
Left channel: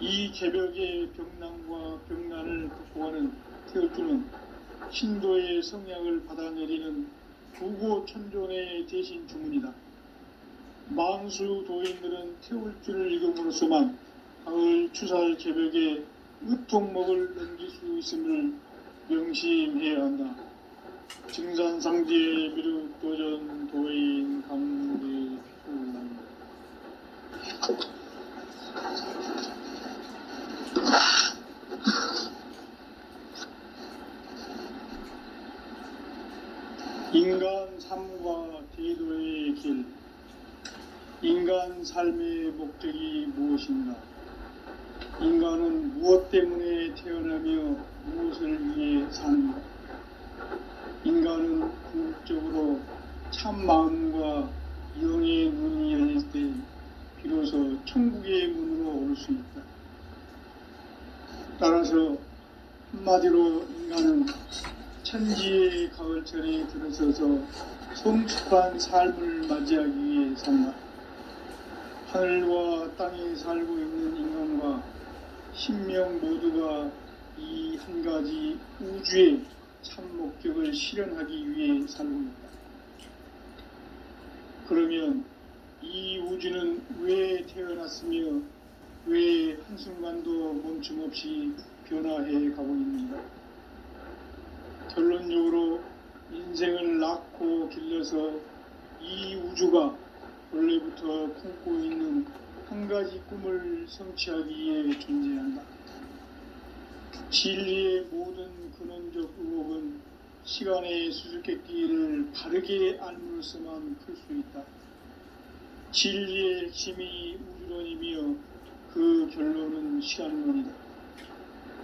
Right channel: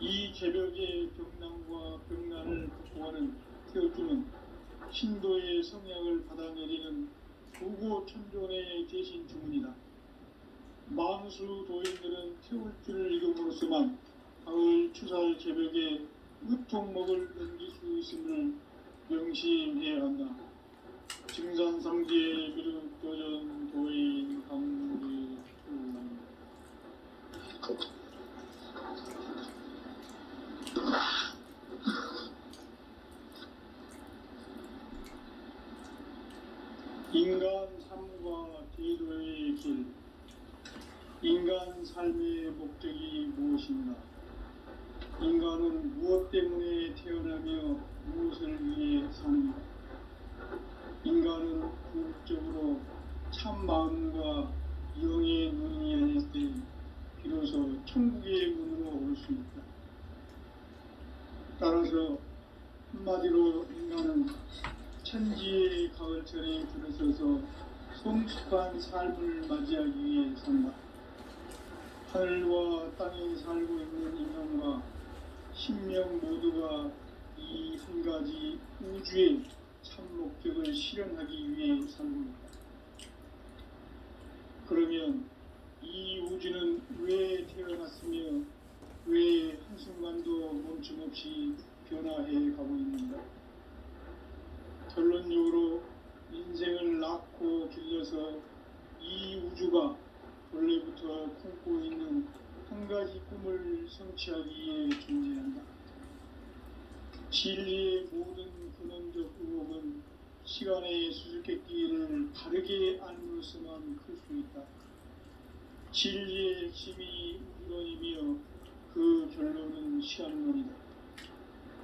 이 개벽의 병난과 병난을 극복하는 태울주는 신도의 성약을 받아내리는 부고천존의 대신 주문이다. 만수 도인들은 태울주를 읽음으로써만 가을 추살 개벽의 으통목을 넘길 수 있음을 명심해야 한다. 증산상제 미륵도전 도인 강대후. 인간 삶과 대도의 길. 인간 삶의 목적이 무엇인가? 인간은 무엇 때문에 태어나며 무엇을 위해 사는가? 인간은 궁극적으로 참 마음과 영의 눈이 열릴 때 비로소 천국의 문으로 올 수 있다. 따라서 한마디로 인간은 천지의 가을철에 들어서서 성숙한 삶을 맞이하기 위해 산다. 하늘과 땅에 살고 있는 인간과 신명 모두가 이 한 가지 우주의 참 목적을 실현하기 위해 살고 있다. 그러면 이 우주는 왜 태어났으며 왜 한순간도 멈춤 없이 변화해 가고 있는가? 결론적으로 인생을 낳고 길러서 이 우주가 원래부터 품고 있는 한 가지 꿈을 성취하기 위해 존재한다. 진리의 모든 근원적 의혹은 시간의 수수께끼를 바르게 알므로서만 클 수 있다. 진리의 핵심이 우주론이며 그 결론은 시간론이다.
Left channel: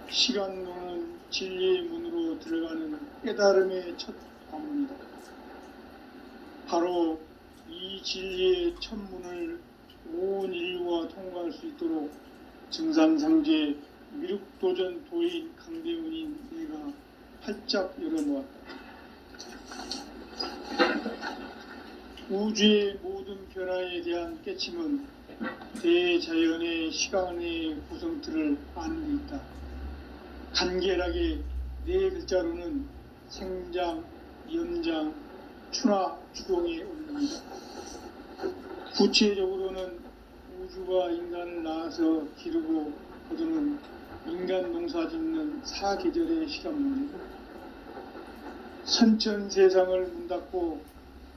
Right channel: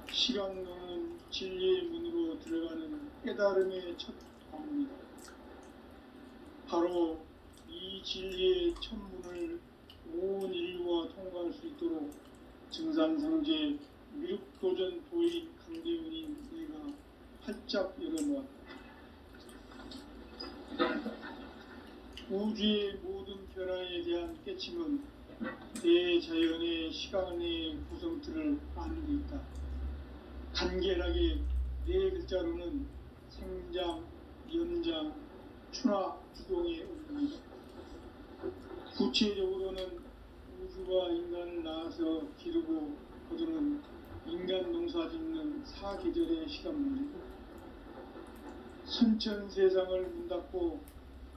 시간론은 진리의 문으로 들어가는 깨달음의 첫 방문이다. 바로 이 진리의 첫 문을 온 인류가 통과할 수 있도록 증산상제 미륵도전 도인 강대훈인 내가 활짝 열어놓았다. 우주의 모든 변화에 대한 깨침은 대자연의 시간의 구성틀을 아는 데 있다. 간결하게 네 글자로는 생장, 연장, 추나 추동에 올립니다. 구체적으로는 우주가 인간을 낳아서 기르고 거두는 인간 농사 짓는 사계절의 시간문이다. 선천 세상을 문닫고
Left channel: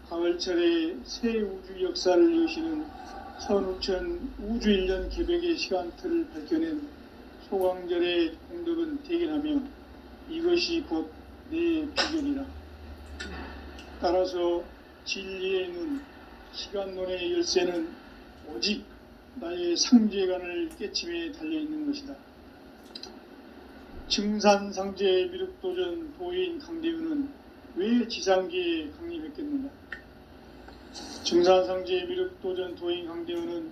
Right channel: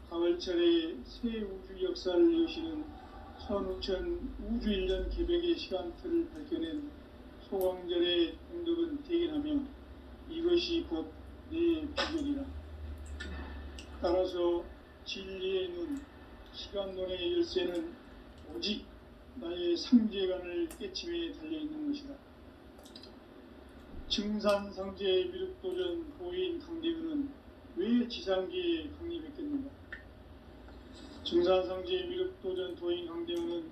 가을철에 새 우주 역사를 여시는 선우천 우주일년 개벽의 시간틀을 밝혀낸 소강절의 공덕은 대견하며 이것이 곧 내 비결이라. 따라서 진리의 눈, 시간론의 열쇠는 오직 나의 상제관을 깨침에 달려있는 것이다. 증산상제 미륵도전 도인 강대훈은 왜 지상계에 강림했겠는가? 증산상제 미륵도전 도인 강대훈은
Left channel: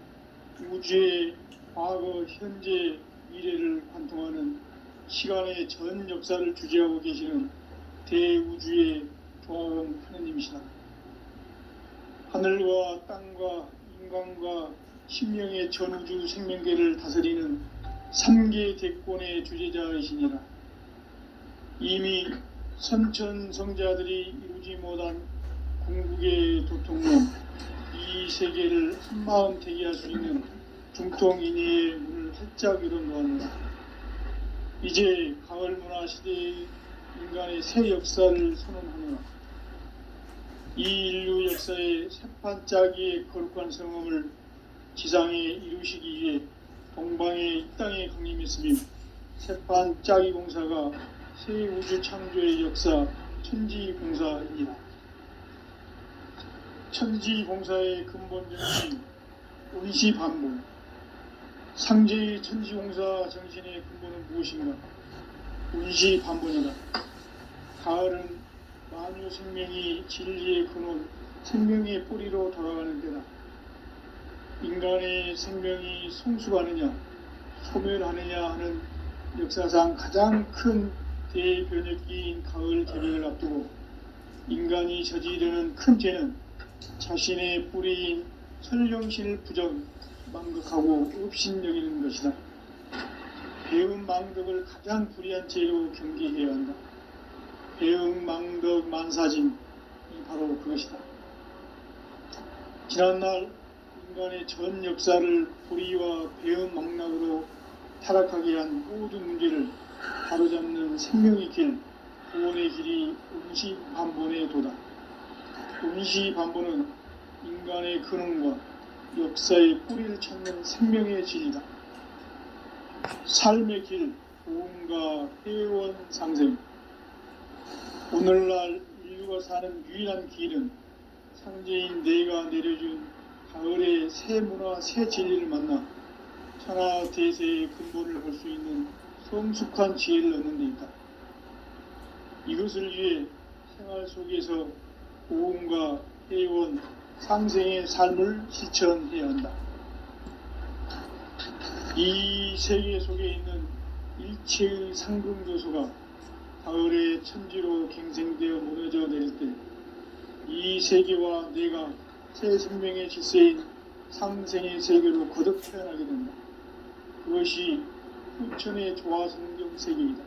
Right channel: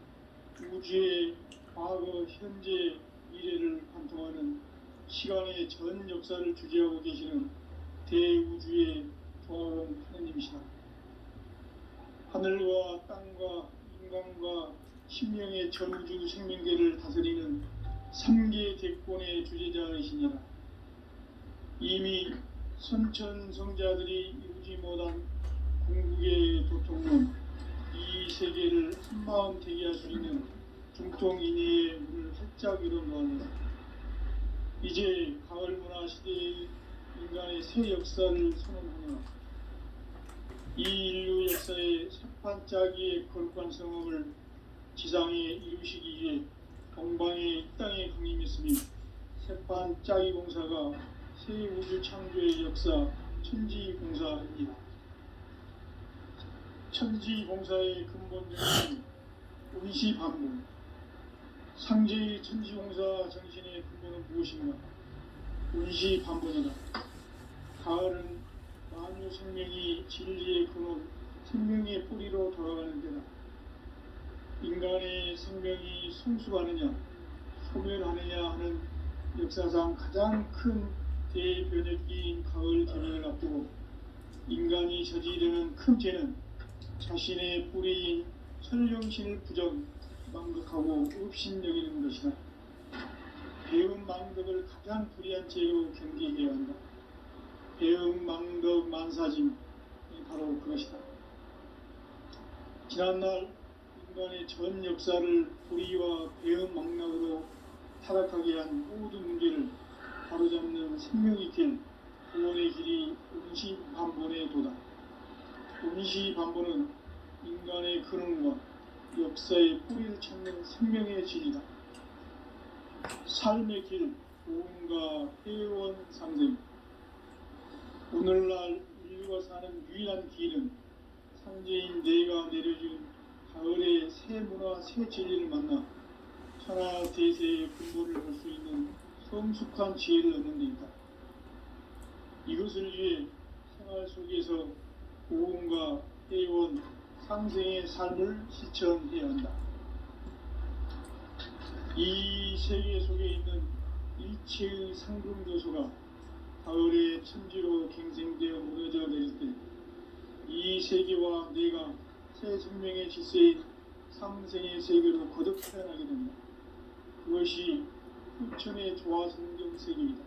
우주의 과거, 현재, 미래를 관통하는 시간의 전 역사를 주재하고 계시는 대우주의 조화원 하느님이시다. 하늘과 땅과 인간과 신명의 전우주 생명계를 다스리는 3계 대권의 주재자이시니라. 이미 선천성자들이 이루지 못한 궁극의 도통론, 이 세계를 한마음 되게 할 수 있는 중통인의의 문을 활짝 열어놓았노라. 이제 가을 문화 시대의 인간의 새 역사를 선언하며 이 인류 역사의 새판짜기의 거룩한 성험을 지상에 이루시기 위해 동방의 이 땅에 강림했으며 세판 짜기 공사가 새 우주 창조의 역사 천지공사입니다. 천지공사의 근본적인 의시반복, 상제의 천지공사 정신의 근본은 무엇인가? 의시반복이다. 가을은 만유 생명이 진리의 근원, 생명의 뿌리로 돌아가는 데다. 인간의 생명이 성숙하느냐, 소멸하느냐 하는 역사상 가장 큰 대변혁기인 가을 개변을 앞두고 인간이 저지르는 큰 죄는 자신의 뿌리인 설령신을 망각하고 업신여기는 것이다. 배은망덕을 가장 불의한 죄로 경계해야 한다. 배은망덕 만사짐이 바로 그것이다. 지난날 인간의 전 역사를 불의와 배은망락으로 타락하게 한 모든 문제를 바로잡는 생명의 길, 구원의 길이 운시반본의 도다. 운시반본은 인간의 근원과 역사의 뿌리를 찾는 생명의 진리다. 삶의 길, 구원과 회원 상생. 오늘날 인류가 사는 유일한 길은 상제인 내가 내려준 가을의 새 문화, 새 진리를 만나 천하 대세의 근본을 볼 수 있는 성숙한 지혜를 얻는 데 있다. 이것을 위해 생활 속에서 고음과 회원, 상생의 삶을 실천해야 한다. 이 세계 속에 있는 일체의 상승교소가 가을의 천지로 갱생되어 무너져 내릴 때 이 세계와 내가 새 생명의 질서인 상생의 세계로 거듭 태어나게 된다. 그것이 후천의 조화성경 세계이다.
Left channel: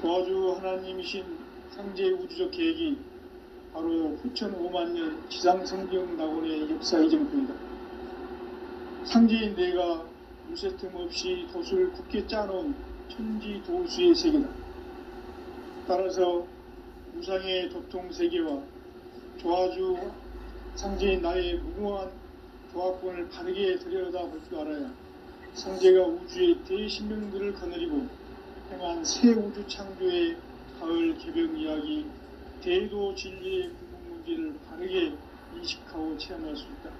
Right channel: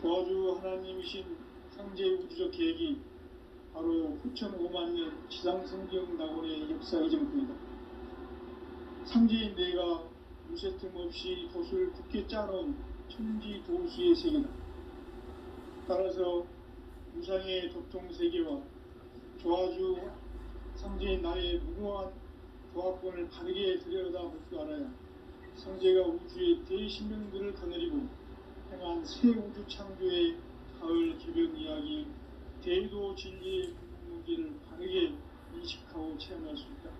조화주 하나님이신 상제 우주적 계획이 바로 후천 5만년 지상성경 낙원의 역사 이정표이다. 상제인 내가 무쇠틈 없이 돛을 굳게 짜놓은 천지 도수의 세계다. 따라서 무상의 도통 세계와 조화주 상제인 나의 무궁한 조합권을 바르게 들여다볼 줄 알아야 상제가 우주의 대신명들을 거느리고 행한 새 우주 창조의 가을 개변 이야기, 대도 진리의 궁극 문제를 바르게 인식하고 체험할 수 있다.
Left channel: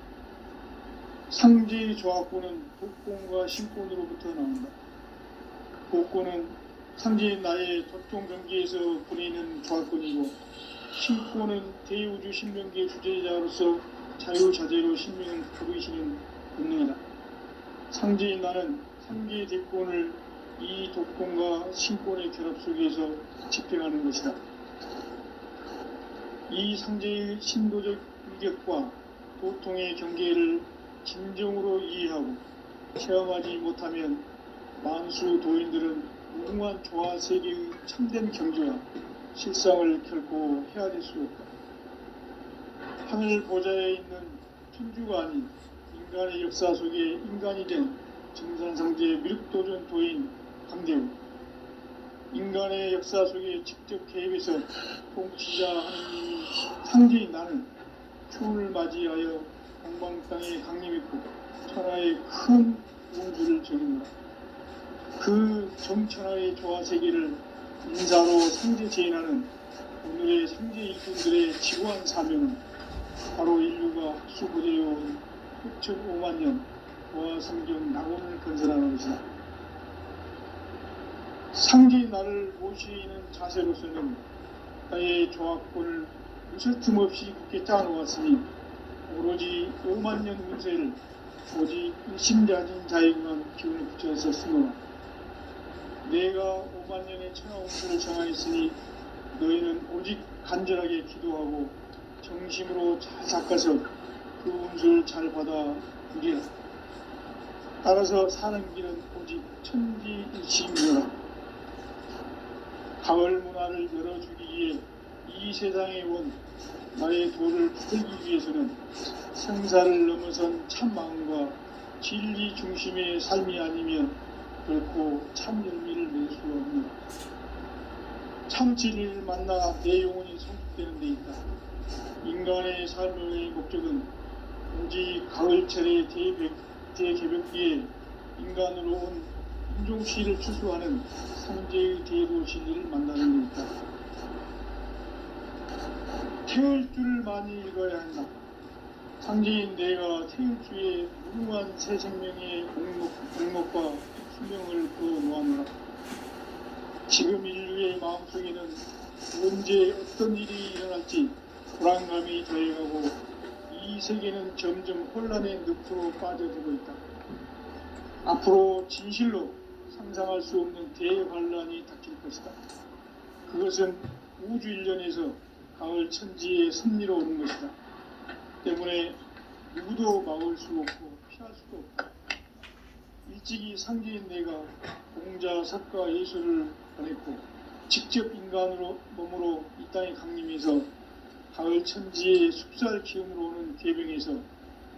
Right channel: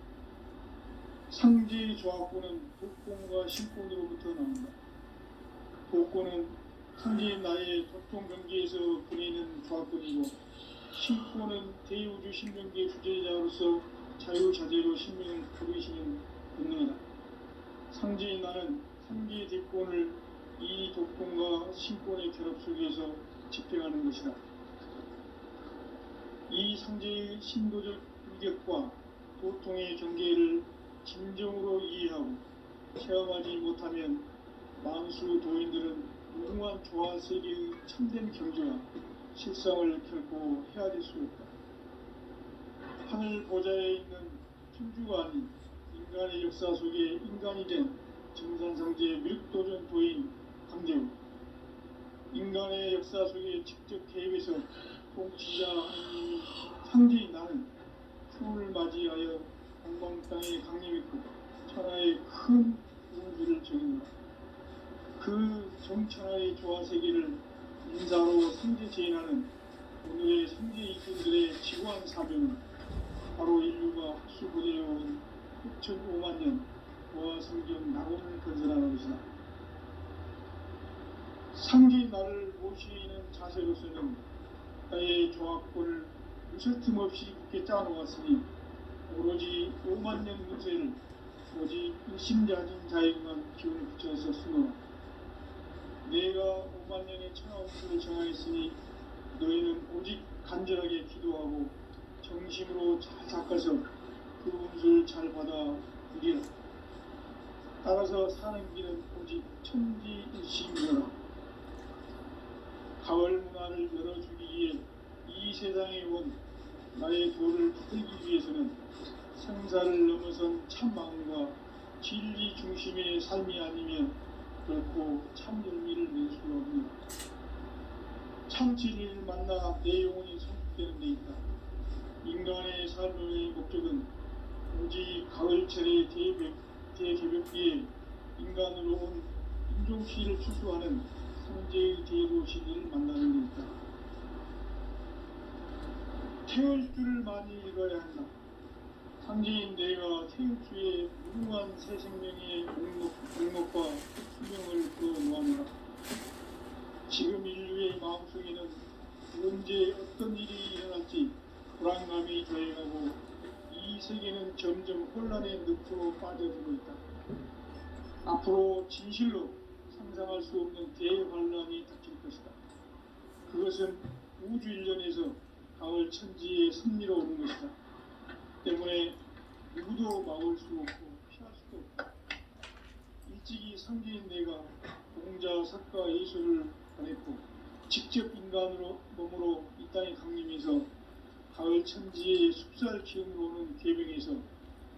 상제의 조합권은 독권과 신권으로부터 나온다. 독권은 상제인 나의 도통 경계에서 보내는 조합권이고, 신권은 대우주 신명계 주제자로서 자유자재로 신명을 부르시는 본능이다. 상제인 나는 상제의 대권을 이 독권과 신권의 결합 속에서 집행하는 것이다. 이 상제의 신도적 위력과 도통의 경계를 진정으로 이해하고 체험하지 못하면 만수 도인들은 무궁한 조화 세계의 참된 경지와 실상을 결코 헤아릴 수 없다. 하늘 보좌에 있는 천주가 아닌 인간의 역사 속에 인간이 된 증산상제의 미륵도전 도인 강대우, 인간의 역사 속에 직접 개입해서 통치자 하느님이 상제인 나는 추운을 맞이하여 동방 땅에 강림했고 천하의 큰 우주를 정입니다. 그 정천하의 조화 세계를 인사로 상제 제인하는 오늘의 상제 일꾼들의 지구한 사명은 바로 인류가 수고되어온 6,500년 조화 성경 낙원을 건설하는 것이다. 상제인 나를 모시는 자세로서는 나의 조합권을 무슨 틈 없이 굳게 짜놓았으니 오로지 5만년 운세를 오직 일심자진 자에게만 기운을 붙여서 쓰노라. 내가 5만년의 천하 운세를 정하였으니 너희는 오직 간절하게 기도하고 정심으로 잘 닦아서 그 운수를 잘 받아 누리라. 따라서 사는 길은 오직 천지일심이라. 가을 문화를 열어주기 위해 이 세상에 온 나의 도를 받들기 위해서는 생사를 넘어선 참마음과 진리 중심의 삶이 아니면 결코 참 열매를 낼 수 없는 참 진리를 만나 내 영혼이 성숙되는 데 있다. 인간의 삶의 목적은 오직 가을철의 대개벽기에 인간으로 온 인종시를 추수하는 상제의 대도시를 만나는 데 있다. 태울 줄을 많이 읽어야 한다. 상제인 내가 태울주의 무궁한 새 생명의 목록과 수명을 그어놓았노라. 지금 인류의 마음속에는 언제 어떤 일이 일어날지 불안감이 더해가고 이 세계는 점점 혼란의 늪으로 빠져들고 있다. 앞으로 진실로 상상할 수 없는 대환란이 닥칠 것이다. 그것은 우주 일련에서 가을 천지의 섭리로 오는 것이다. 때문에 누구도 막을 수 없고 피할 수도 없다. 일찍이 상제인 내가 공자, 석가, 예수를 보냈고 직접 인간으로 몸으로 이 땅에 강림해서 가을 천지의 숲살 기운으로 오는 계병에서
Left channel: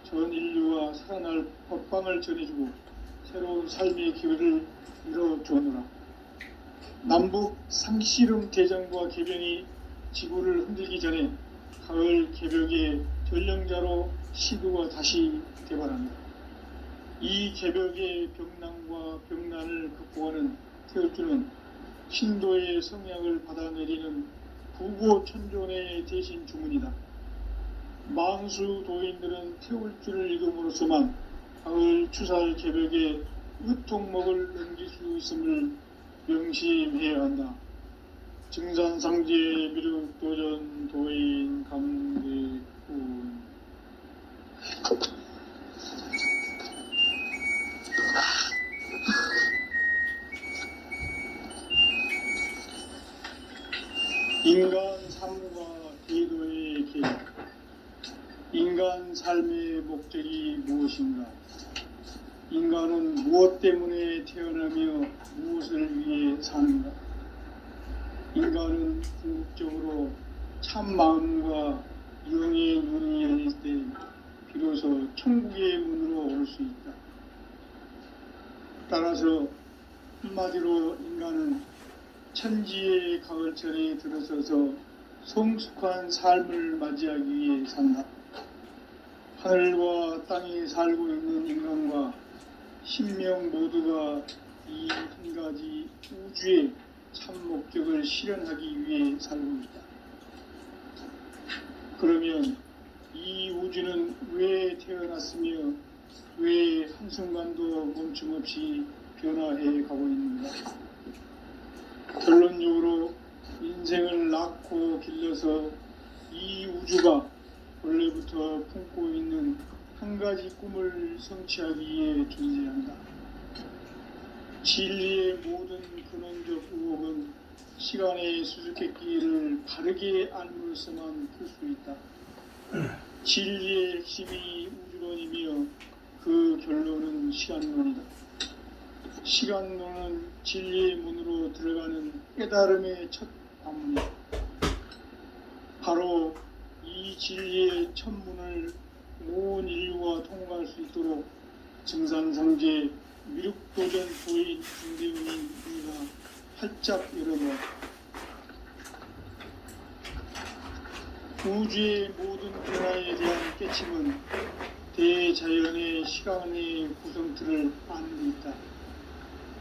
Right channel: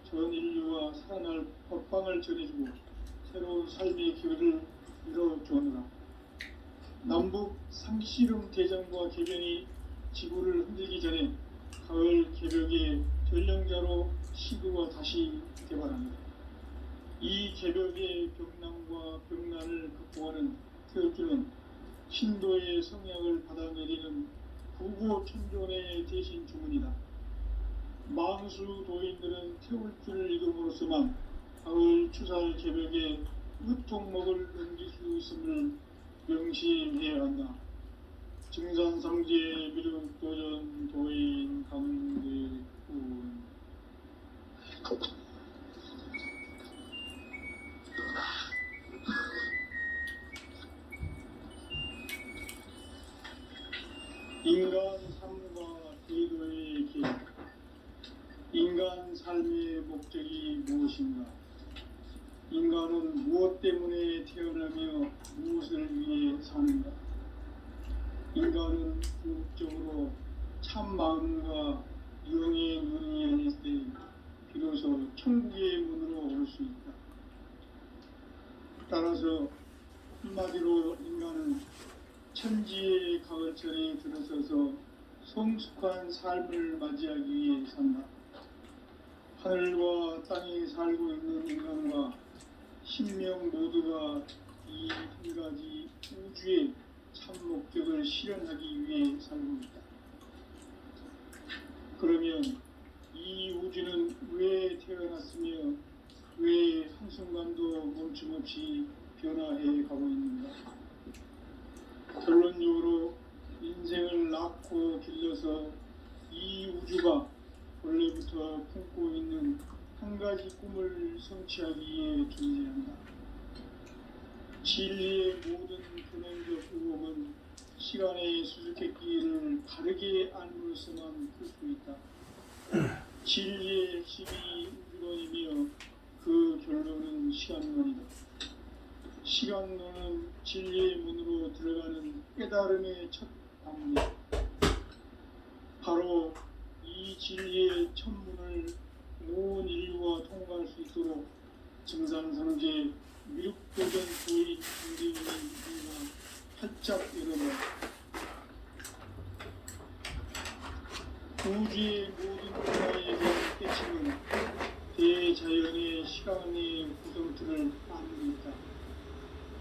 전 인류와 살아날 법방을 전해주고 새로운 삶의 기회를 이뤄주었노라. 남북 상씨름 대전과 계병이 지구를 흔들기 전에 가을 개벽의 전령자로 시도가 다시 개발합니다. 이 개벽의 병난과 병난을 극복하는 태울주는 신도의 성약을 받아내리는 부고천존의 대신 주문이다. 망수 도인들은 태울주를 읽음으로써만 가을 추살 개벽의 으통목을 넘길 수 있음을 명심해야 한다. 증산상제 미륵도전 도인 강대군. 인간 삶과 기도의 길. 인간 삶의 목적이 무엇인가? 인간은 무엇 때문에 태어나며 무엇을 위해 사는가? 인간은 궁극적으로 참 마음과 영의 눈이 열릴 때 비로소 천국의 문으로 올 수 있다. 따라서 한마디로 인간은 천지의 가을철에 들어서서 성숙한 삶을 맞이하기 위해 산다. 하늘과 땅에 살고 있는 인간과 신명 모두가 이 한 가지 우주의 참 목적을 실현하기 위해 살고 있다. 그러면 이 우주는 왜 태어났으며 왜 한순간도 멈춤없이 변화해 가고 있는가? 결론적으로 인생을 낳고 길러서 이 우주가 원래부터 품고 있는 한 가지 꿈을 성취하기 위해 존재한다. 진리의 모든 근원적 의혹은 시간의 수수께끼를 바르게 알므로서만 풀 수 있다. 진리의 핵심이 우주론이며 그 결론은 시간론이다. 시간론은 진리의 문으로 들어가는 깨달음의 첫 방문이다. 바로 이 진리의 첫 문을 온 인류가 통과할 수 있도록 증산상제 미륵도전 도인 강대훈이가 활짝 열어놓았다. 우주의 모든 변화에 대한 깨침은 대자연의 시간의 구성틀을 아는 데 있다.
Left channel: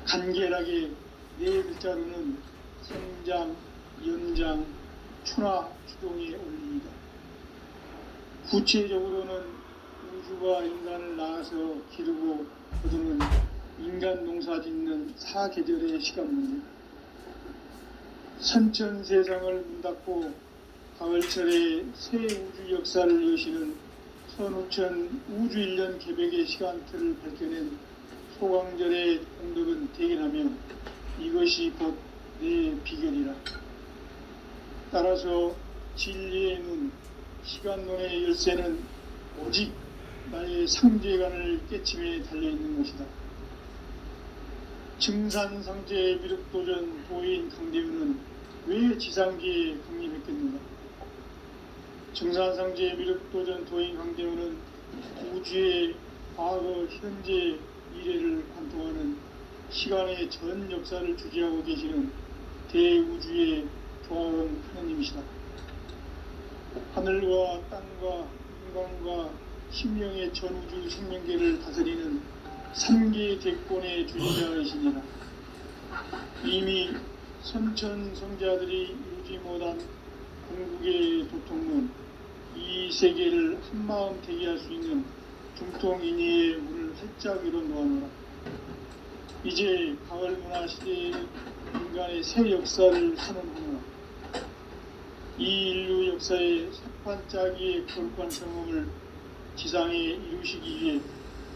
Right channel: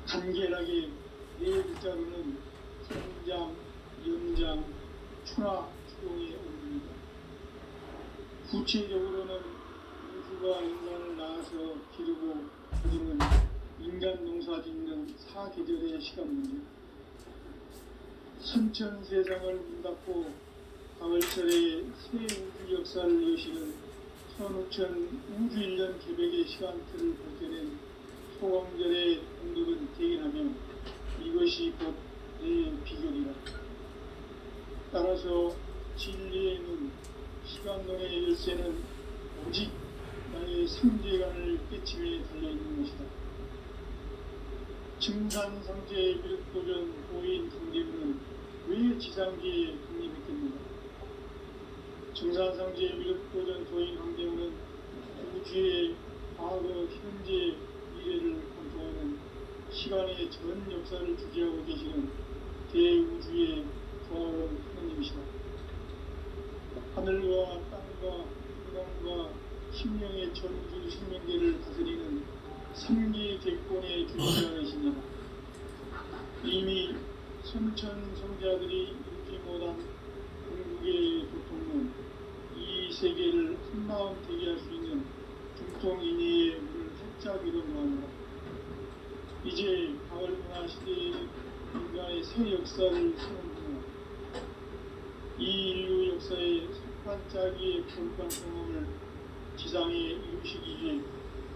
간결하게 네 글자로는 성장, 연장, 추락, 추동에 올립니다. 구체적으로는 우주가 인간을 낳아서 기르고 거두는 인간 농사 짓는 사계절의 시간 문제. 선천 세상을 문 닫고 가을철에 새 우주 역사를 여시는 선우천 우주 1년 개벽의 시간틀을 밝혀낸 소강절의 공덕은 대견하며 이것이 곧 내 비결이라. 따라서 진리의 눈, 시간론의 열쇠는 오직 나의 상제관을 깨침에 달려있는 것이다. 증산상제 미륵도전 도인 강대훈은 왜 지상계에 강림했겠는가? 증산상제 미륵도전 도인 강대훈은 우주의 과거, 현재, 미래를 관통하는 시간의 전 역사를 주재하고 계시는 대우주의 조화원 하나님이시다. 하늘과 땅과 인간과 심령의 전우주 생명계를 다스리는 3기 대권의 주인장이시니라. 이미 선천 성자들이 이루지 못한 궁극의 도통문, 이 세계를 한마음 되게 할 수 있는 중통인의의 문을 활짝 열어놓아노라. 이제 가을 문화 시대에는 인간의 새 역사를 선언하노라. 이 인류 역사의 석판짜기의 거룩한 경험을 지상에 이루시기 위해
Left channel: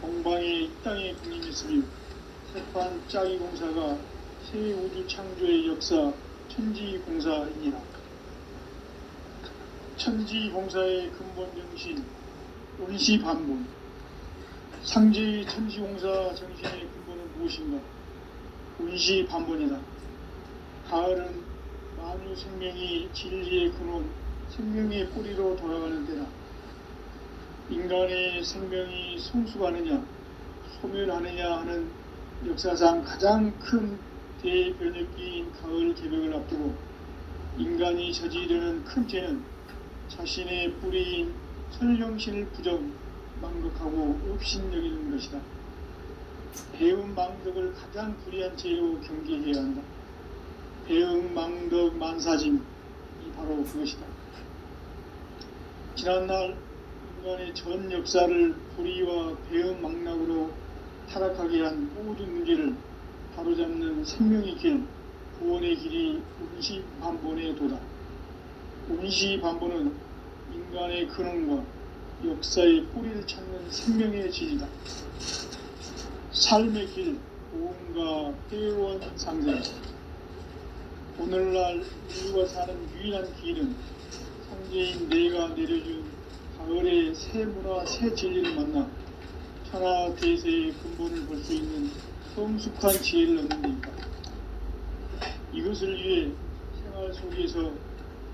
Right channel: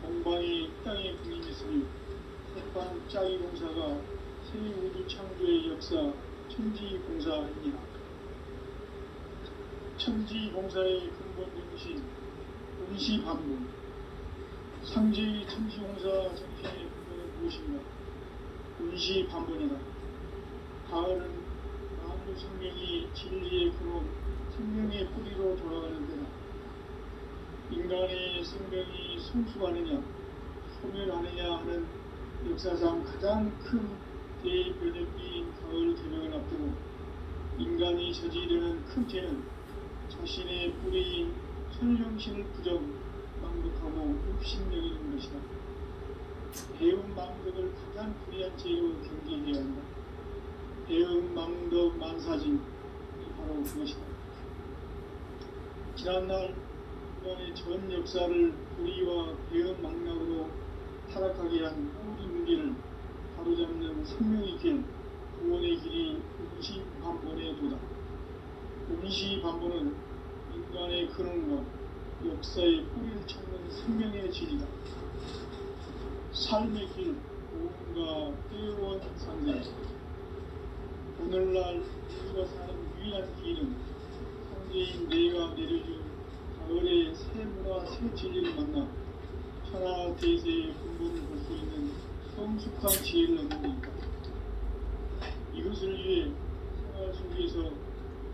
동방의 이 땅에 군림했으며 석판짜기 공사가 새 우주 창조의 역사 천지공사입니다. 천지공사의 근본 정신 원시반본, 상제의 천지공사 정신의 근본은 무엇인가? 원시반본이다. 가을은 만유 생명이 진리의 근원, 생명의 뿌리로 돌아가는 때다. 인간의 생명이 성숙하느냐 소멸하느냐 하는 역사상 가장 큰 대변혁기인 가을 개벽을 앞두고 인간이 저지르는 큰 죄는 자신의 뿌리인 선령신을 부정, 망덕하고 업신여기는 것이다. 배움 망덕을 가장 불의한 죄로 경계해야 한다. 배움 망덕 만사짐이 바로 그것이다. 지난날 인간의 전 역사를 불의와 배움 망락으로 타락하게 한 모든 문제를 바로잡는 생명의 길, 구원의 길이 원시반본의 도다. 원시반본은 인간의 근원과 역사의 뿌리를 찾는 생명의 질이다. 삶의 길, 고음과 회원 상생. 오늘날 인류가 사는 유일한 길은 성제인 내가 내려준 가을의 새 문화, 새 진리를 만나 천하 대세의 근본을 볼 수 있는 성숙한 지혜를 얻는 데이다. 이것을 위해 생활 속에서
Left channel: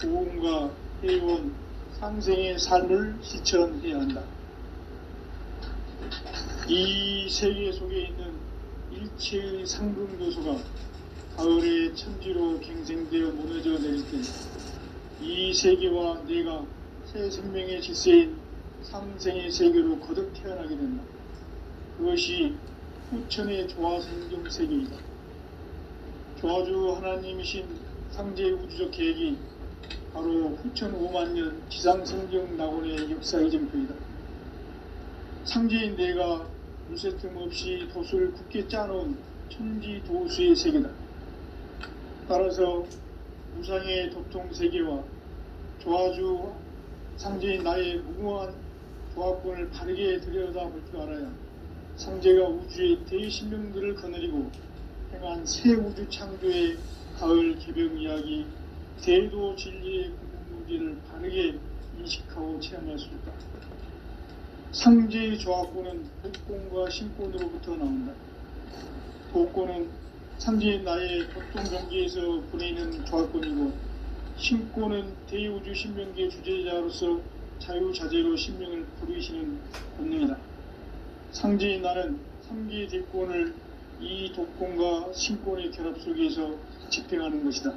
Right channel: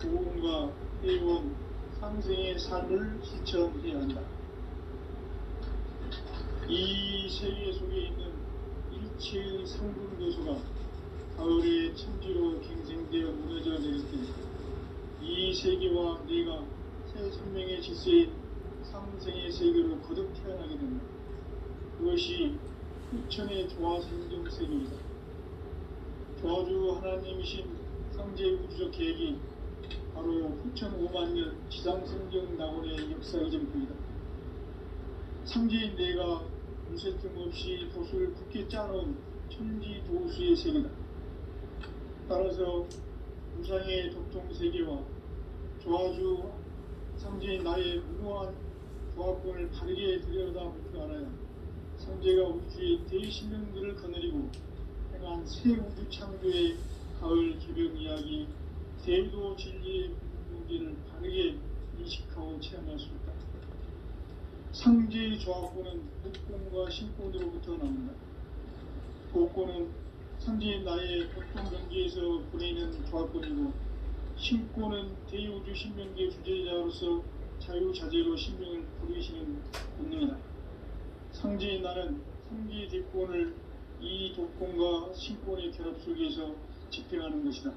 고음과 회원, 상생의 삶을 실천해야 한다. 이 세계 속에 있는 일체의 상분 요소가 가을의 천지로 갱생되어 무너져 내릴 때 이 세계와 내가 새 생명의 질서인 상생의 세계로 거듭 태어나게 된다. 그것이 후천의 조화생경 세계이다. 조화주 하나님이신 상제 우주적 계획이 바로 후천 5만년 지상생경 낙원의 역사의 점표이다. 상제인 내가 물새틈 없이 도수를 굳게 짜놓은 천지 도수의 세계다. 따라서 우상의 도통 세계와 조화주 상제인 나의 무모한 조합권을 바르게 들여다볼 줄 알아야 상제가 우주의 대신명들을 거느리고 행한 새 우주 창조의 가을 개벽 이야기, 대도 진리의 문제를 바르게 인식하고 체험할 수 있다. 상제의 조합권은 복권과 신권으로부터 나온다. 복권은 상제인 나의 보통 경계에서 보내는 조합권이고, 신권은 대우주 신명계 주제자로서 자유자재로 신명을 부르시는 본능이다. 상제인 나는 3기 대권을 이 독권과 신권의 결합 속에서 집행하는 것이다.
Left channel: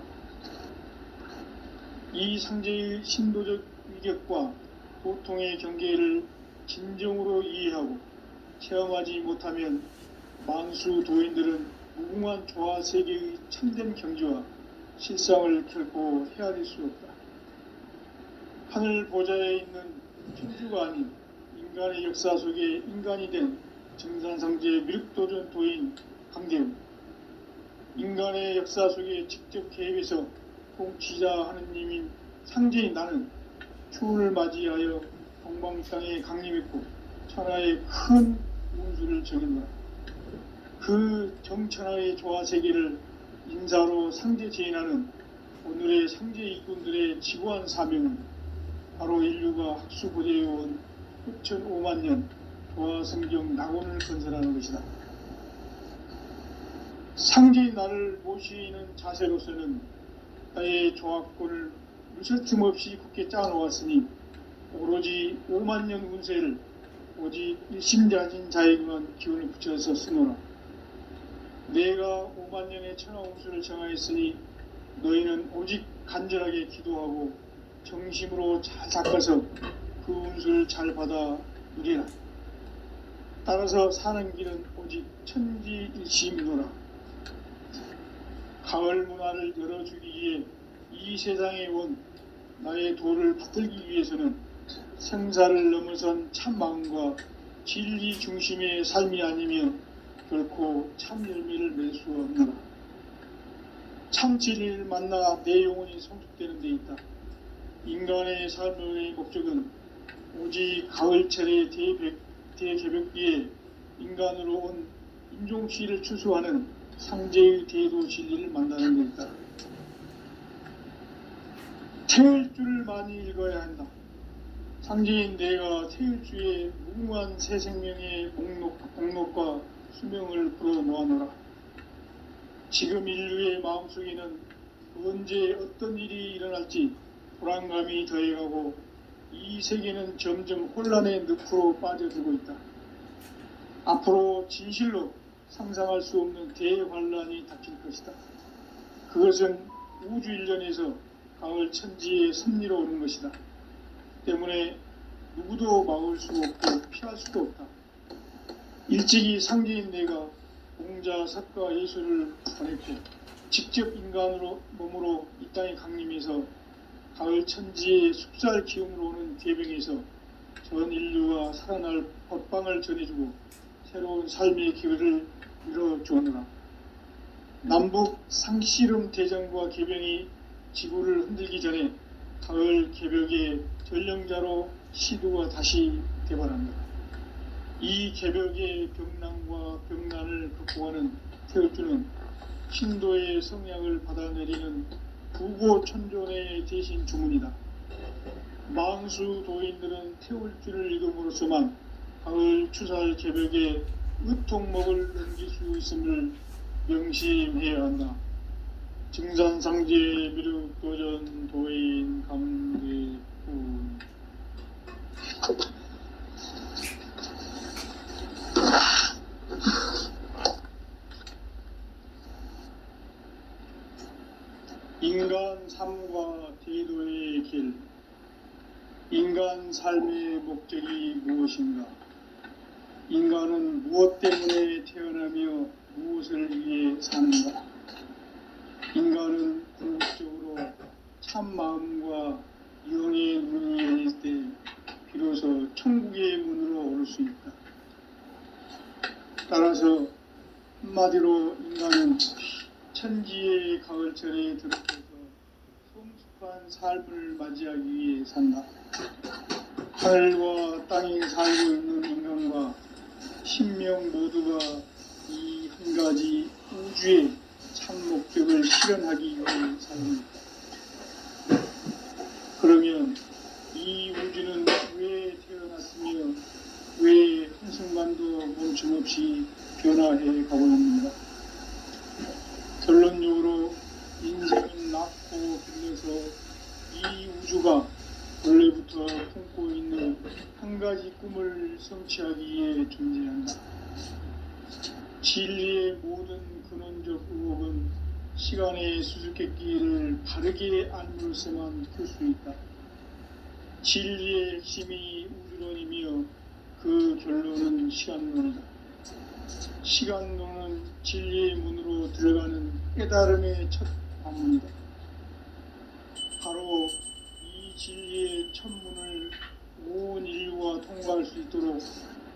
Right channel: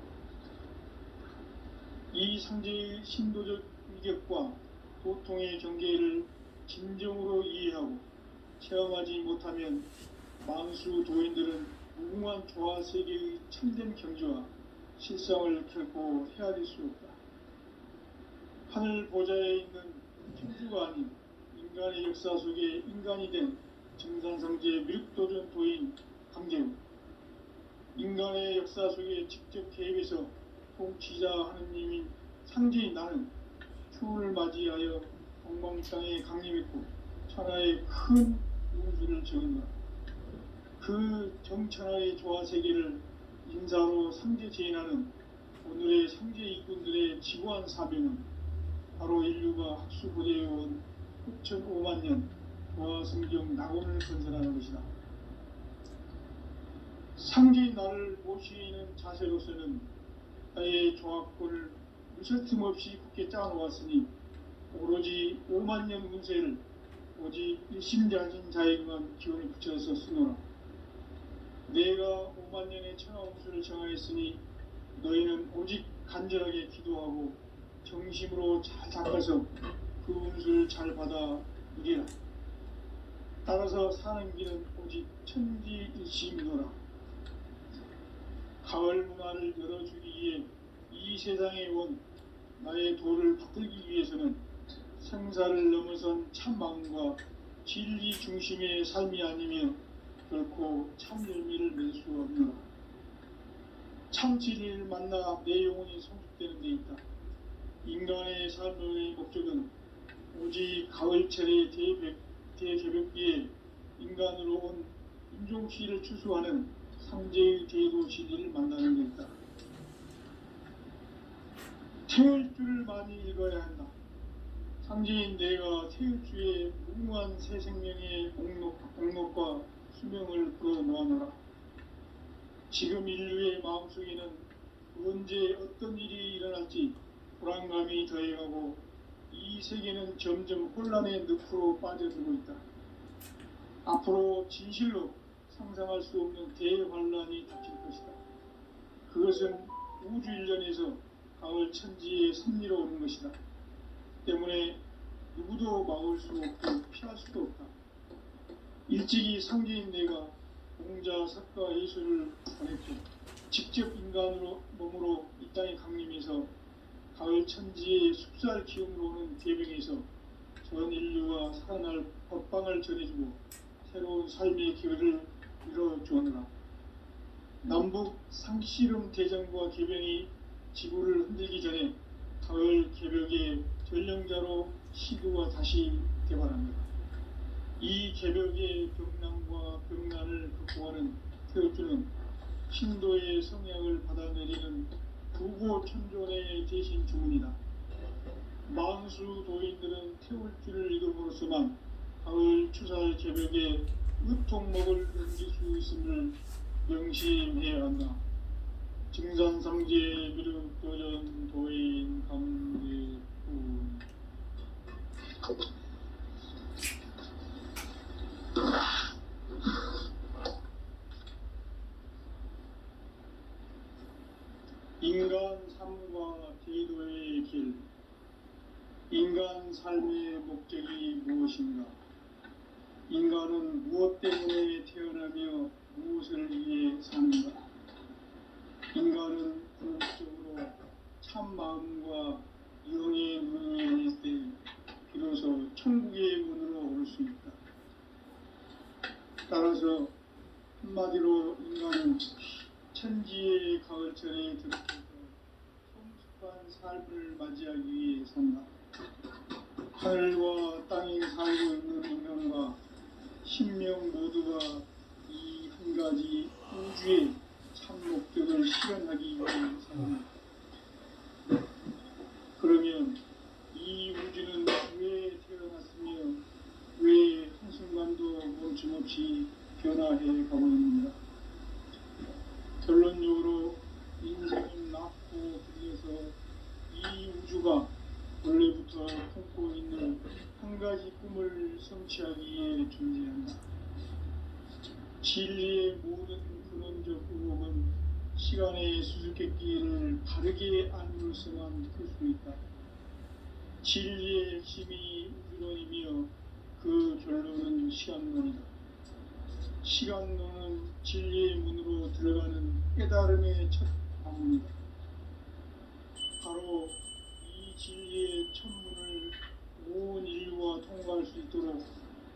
이 상제의 신도적 위격과 도통의 경계를 진정으로 이해하고 체험하지 못하면 만수 도인들은 무궁한 조화 세계의 참된 경지와 실상을 결코 헤아릴 수 없다. 하늘 보좌에 있는 천주가 아닌 인간의 역사 속에 인간이 된 정산상제 미륵도전 도인 강대우, 인간의 역사 속에 직접 개입해서 통치자 하느님인 상제인 나는 추운을 맞이하여 동방땅에 강림했고 천하의 큰 운수를 적인다. 그 정천하의 조화세계를 인사로 상제 제인하는 오늘의 상제 일꾼들의 지구한 사명은 바로 인류가 학수고대해온 후천 5만년 조화성경 낙원을 건설하는 것이다. 상제인 나를 모시는 자세로서는 나의 조합권을 무설틈 없이 굳게 짜놓았으니 오로지 5만년 운세를 오직 일심자진 자에게만 기운을 붙여서 쓰노라. 내가 5만년의 천하운수를 정하였으니 너희는 오직 간절하게 기도하고 정심으로 잘 닦아서 그 운수를 잘 받아 누리라. 따라서 사는 길은 오직 천지일심이노라. 가을 문화를 열어주기 위해 이 세상에 온 나의 도를 받들기 위해서는 생사를 넘어선 참 마음과 진리 중심의 삶이 아니면 결코 참 열매를 맺을 수 없노라. 참 진리를 만나 내 영혼이 성숙되는 데 있다. 인간의 삶의 목적은 오직 가을철의 대개벽기에 인간으로 온 인종시를 추수하는 상제의 대도 진리를 만나는 데 있다. 태울 줄을 많이 읽어야 한다. 상제인 내가 태울 주의 무궁한 새 생명의 목록과 수명을 풀어놓아노라. 지금 인류의 마음속에는 언제 어떤 일이 일어날지 불안감이 더해가고 이 세계는 점점 혼란의 늪으로 빠져들고 있다. 앞으로 진실로 상상할 수 없는 대환란이 닥칠 것이다. 그것은 우주 일련에서 가을 천지의 섭리로 오는 것이다. 때문에 누구도 막을 수 없고 피할 수도 없다. 일찍이 상제인 내가 공자, 석가, 예수를 보냈고 직접 인간으로 몸으로 이 땅에 강림해서 가을 천지의 숲살 기운으로 오는 계병에서 전 인류가 살아날 법방을 전해주고 새로운 삶의 기회를 열어주었노라. 남북 상씨름 대전과 계병이 지구를 흔들기 전에 가을 개벽의 전령자로 시도가 다시 개발합니다. 이 개벽의 병난과 병난을 극복하는 태울주는 신도의 성약을 받아내리는 부고천존의 대신 주문이다. 망수 도인들은 태울주를 읽음으로써만 가을 추살 개벽의 의통목을 넘길 수 있음을 명심해야 한다. 증산상제 미륵도전 도인 감대군. 인간 삶과 대도의 길. 인간 삶의 목적이 무엇인가? 인간은 무엇 때문에 태어나며 무엇을 위해 사는가? 인간은 궁극적으로 참 마음과 영의 문이 열릴 때 비로소 천국의 문으로 오를 수 있다. 따라서 한마디로 인간은 천지의 가을철에 들어서서 성숙한 삶을 맞이하기 위해 산다. 하늘과 땅에 살고 있는 인간과 신명 모두가 이 한 가지 우주의 참 목적을 실현하기 위해 삽니다. 그러면 이 우주는 왜 태어났으며 왜 한순간도 멈춤없이 변화해 가고 있는가? 결론적으로 인생은 낳고 길러서 이 우주가 원래부터 품고 있는 한 가지 꿈을 성취하기 위해 존재한다. 진리의 모든 근원적 의혹은 시간의 수수께끼를 바르게 알므로서만 풀 수 있다. 진리의 핵심이 우주론이며 그 결론은 시간론이다. 시간론은 진리의 문으로 들어가는 깨달음의 첫 방문이다. 바로 이 진리의 첫 문을 온 인류가 통과할 수 있도록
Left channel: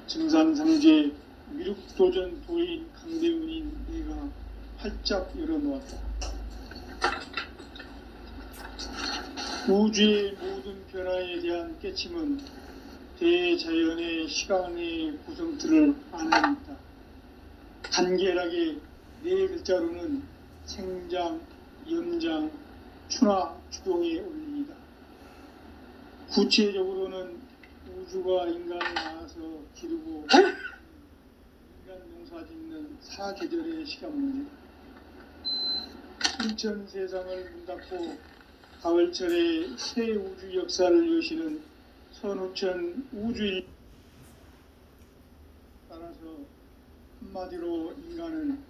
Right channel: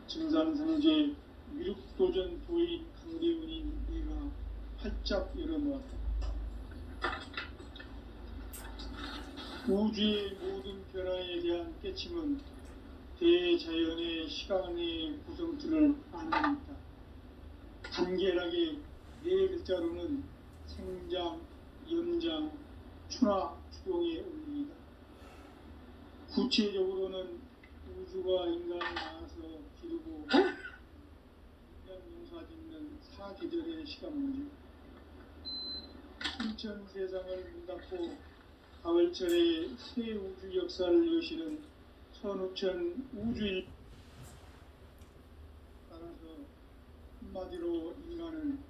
증산상제 미륵도전 도인 강대훈인 내가 활짝 열어놓았다. 우주의 모든 변화에 대한 깨침은 대자연의 시간의 구성틀을 안는다. 간결하게 네 글자로는 생장, 연장, 추나 추동의 원리이다. 구체적으로는 우주가 인간을 낳아서 기르고 인간 농사 짓는 사계절의 시간문제. 인천 세상을 문 닫고 가을철에 새 우주 역사를 여시는 선우천 우주일. 따라서 한마디로 인간은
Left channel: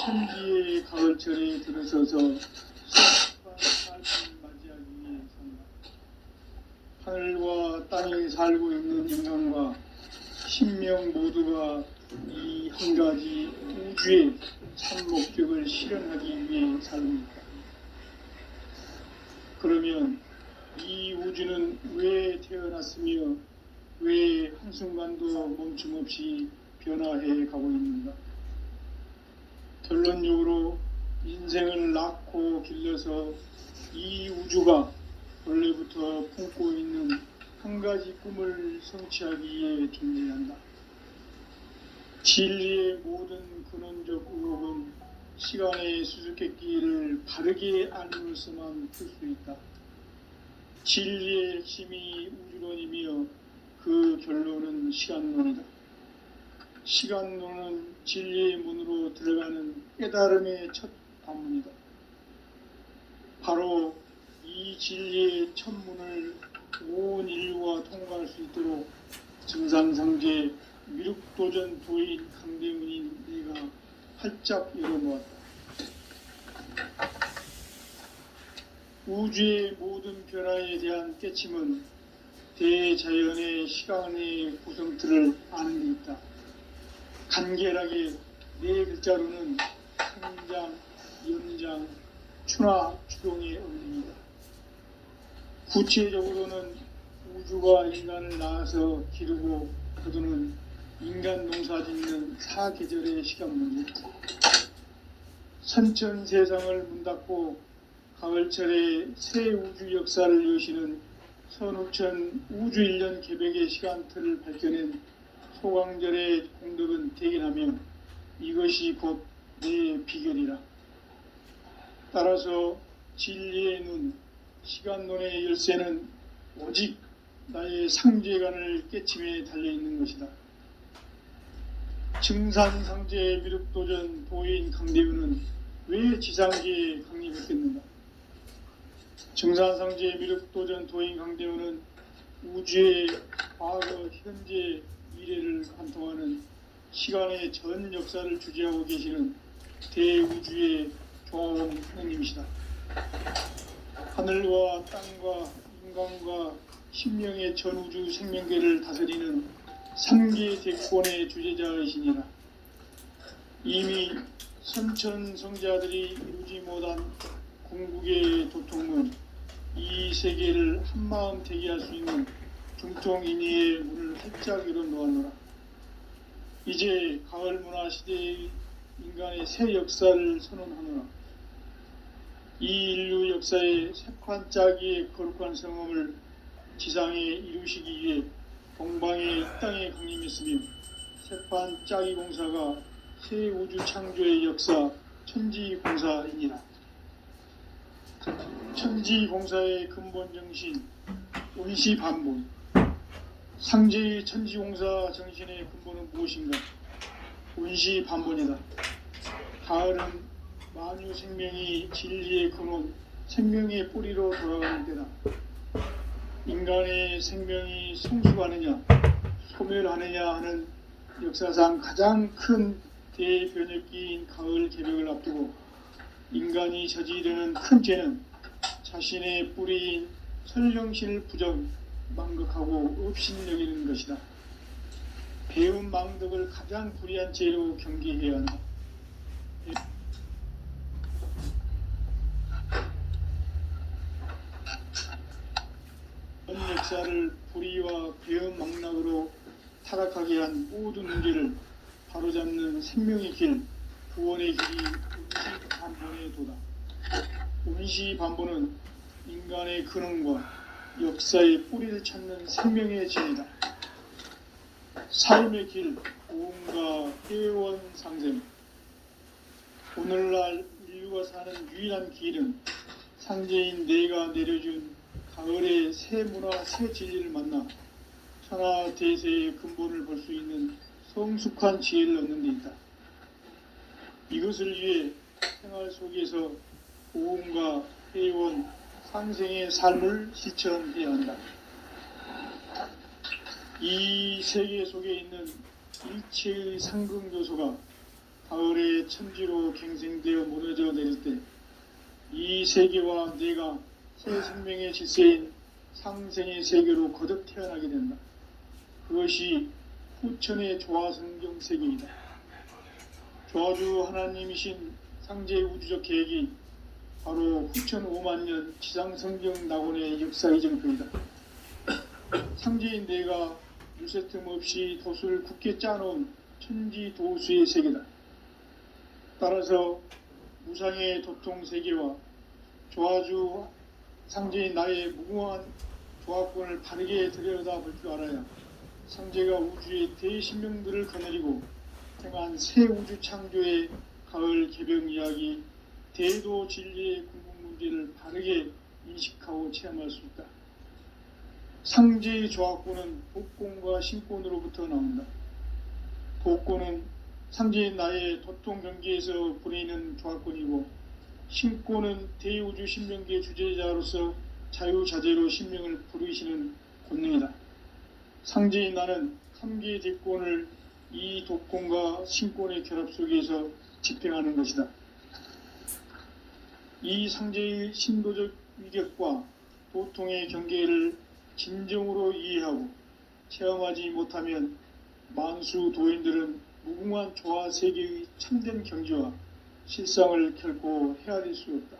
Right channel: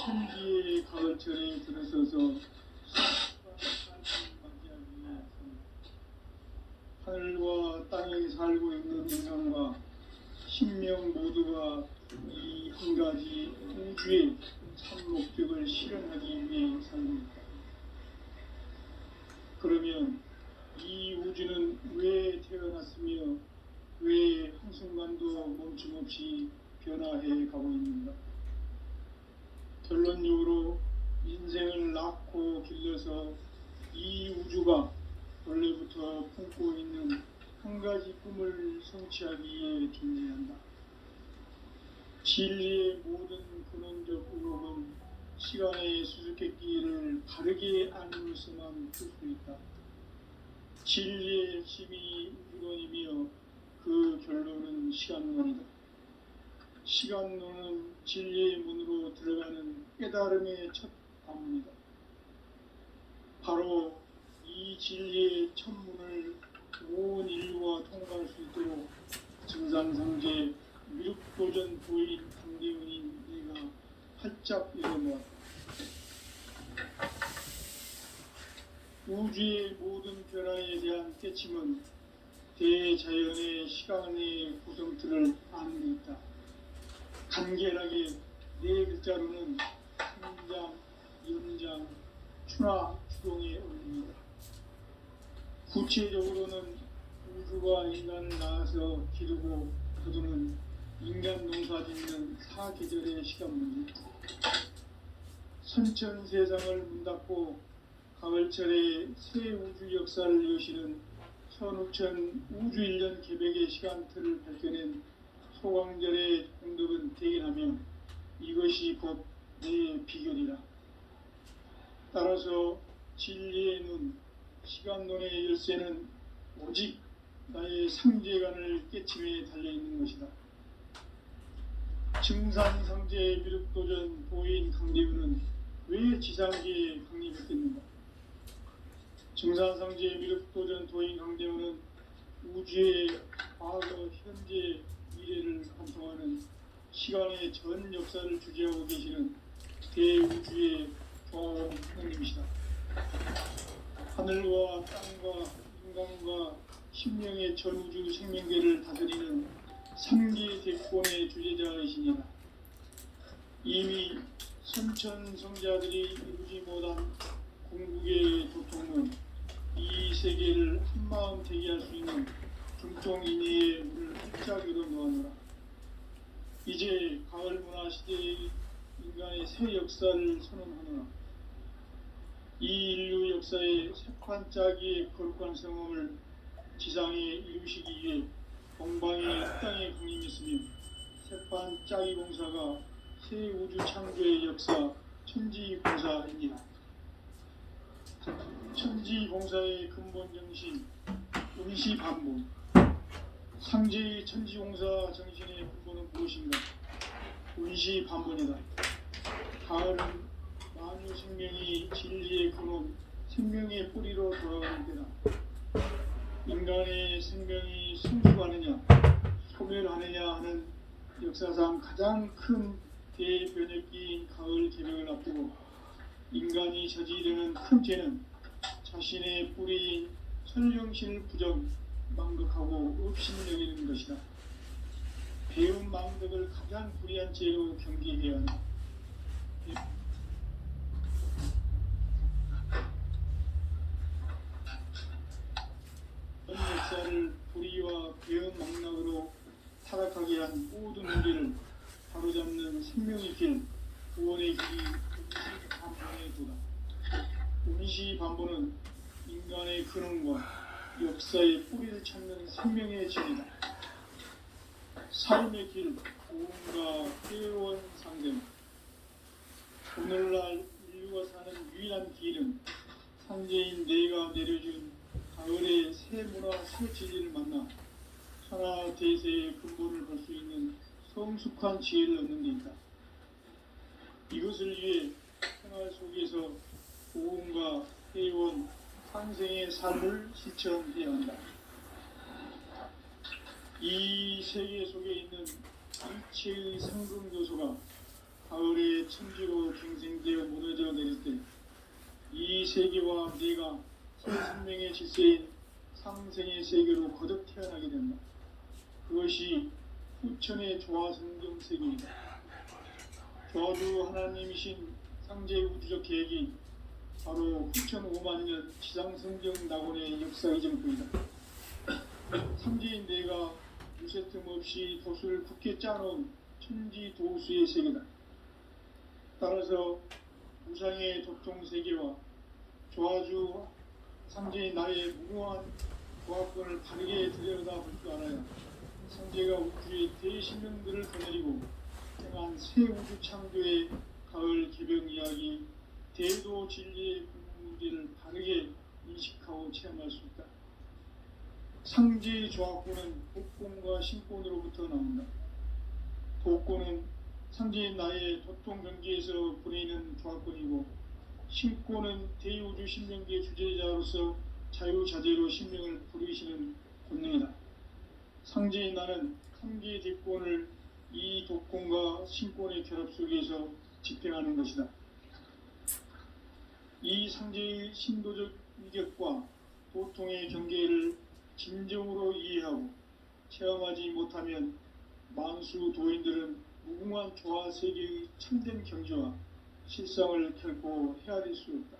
천지의 가을철에 들어서서 성숙한 삶을 맞이하기 위해 산다. 하늘과 땅에 살고 있는 인간과 신명 모두가 이 한 가지 우주의 참 목적을 실현하기 위해 삽니다. 그러면 이 우주는 왜 태어났으며 왜 한순간도 멈춤 없이 변화해 가고 있는가? 결론적으로 인생을 낳고 길러서 이 우주가 원래부터 품고 있는 한 가지 꿈을 성취하기 위해 존재한다. 진리의 모든 근원적 의혹은 시간의 수수께끼를 바르게 알므로서만 풀 수 있다. 진리의 핵심이 우주론이며 그 결론은 시간론이다. 시간론은 진리의 문으로 들어가는 깨달음의 첫 관문이다. 바로 이 진리의 첫 문을 온 인류가 통과할 수 있도록 증산상제 미륵도전 도인 강대문인 네가 활짝 열어놓았다. 우주의 모든 변화에 대한 깨침은 대자연의 시간의 구성틀을 아는 데 있다. 간결하게 네 글자로는 생장, 연장, 추나 추동의 원리입니다. 구체적으로는 우주가 인간을 낳아서 기르고 거두는 인간 농사 짓는 사계절의 시간 문제, 선천 세상을 문 닫고 가을철에 새 우주 역사를 여시는 선우천 우주 1년 개백의 시간틀을 밝혀낸 소강절의 공덕은 대견하며 이것이 곧 내 비결이라. 따라서 진리의 눈, 시간론의 열쇠는 오직 나의 상제관을 깨침에 달려있는 것이다. 증산상제 미륵도전 도인 강대우는 왜 지상계에 강림했겠는가? 증산상제 미륵도전 도인 강대우는 우주의 과거, 현재, 미래를 관통하는 시간의 전 역사를 주재하고 계시는 대우주의 조화원 하나님이시다. 하늘과 땅과 인간과 심령의 전우주 생명계를 다스리는 삼계 대권의 주제자이시니라. 이미 선천성자들이 이루지 못한 궁극의 도통은 이 세계를 한마음 되게 할 수 있는 중통인의의 문을 활짝 열어놓았노라. 이제 가을 문화 시대의 인간의 새 역사를 선언하노라. 이 인류 역사의 새판 짜기의 거룩한 성험을 지상에 이루시기 위해 동방의 땅에 강림했으며 새판 짜기 공사가 새 우주 창조의 역사 천지공사이니라. 천지공사의 근본 정신 운시반복. 상제의 천지공사 정신의 근본은 무엇인가? 운시반복이다. 가을은 만유 생명이 진리의 근원, 생명의 뿌리로 돌아가는 때다. 인간의 생명이 성숙하느냐, 소멸하느냐 하는 역사상 가장 큰 대변혁기인 가을 개벽을 앞두고 인간이 저지르는 큰 죄는 자신의 뿌리인 설령실 부정, 망극하고 업신여기는 것이다. 배운 망덕을 가장 불의한 죄로 경계해야 한다. 전 역사를 불의와 배은 망락으로 타락하게 한 모든 문제를 바로잡는 생명의 길, 구원의 길이 운시반본의 도다. 운시반본은 인간의 근원과 역사의 뿌리를 찾는 생명의 진이다. 삶의 길, 고음과 회원상생. 오늘날 인류가 사는 유일한 길은 상제인 내가 내려준 가을의 새 문화, 새 진리를 만나 천하 대세의 근본을 볼 수 있는 성숙한 지혜를 얻는 데 있다. 이것을 위해 생활 속에서 고음과 회원, 상생의 삶을 실천해야 한다. 이 세계 속에 있는 일체의 상극 요소가 가을의 천지로 갱생되어 무너져 내릴 때 이 세계와 내가 새 생명의 질서인 상생의 세계로 거듭 태어나게 된다. 그것이 후천의 조화성경 세계이다. 조화주 하나님이신 상제의 우주적 계획이 바로 후천 5만 년 지상성경 낙원의 역사이정표이다. 상제인 내가 무쇠틈 없이 돛을 굳게 짜놓은 천지도수의 세계다. 따라서 무상의 도통 세계와 조화주 상제인 나의 무궁한 조화권을 바르게 들여다볼 줄 알아야 상제가 우주의 대신명들을 거느리고 행한 새 우주 창조의 가을 개병 이야기, 대도 진리의 궁극 문제를 바르게 인식하고 체험할 수 있다. 상제의 조화권은 복권과 신권으로부터 나온다. 복권은 상제인 나의 도통 경계에서 보내는 조화권이고, 신권은 대우주 신명기의 주제자로서 자유자재로 신명을 부르시는 권능이다. 상제인 나는 3개의 대권을 이 도권과 신권의 결합 속에서 집행하는 것이다. 이 상제의 신도적 위격과 도통의 경계를 진정으로 이해하고 체험하지 못하면 만수 도인들은 무궁한 조화 세계의 참된 경지와 실상을 결코 헤아릴 수 없다.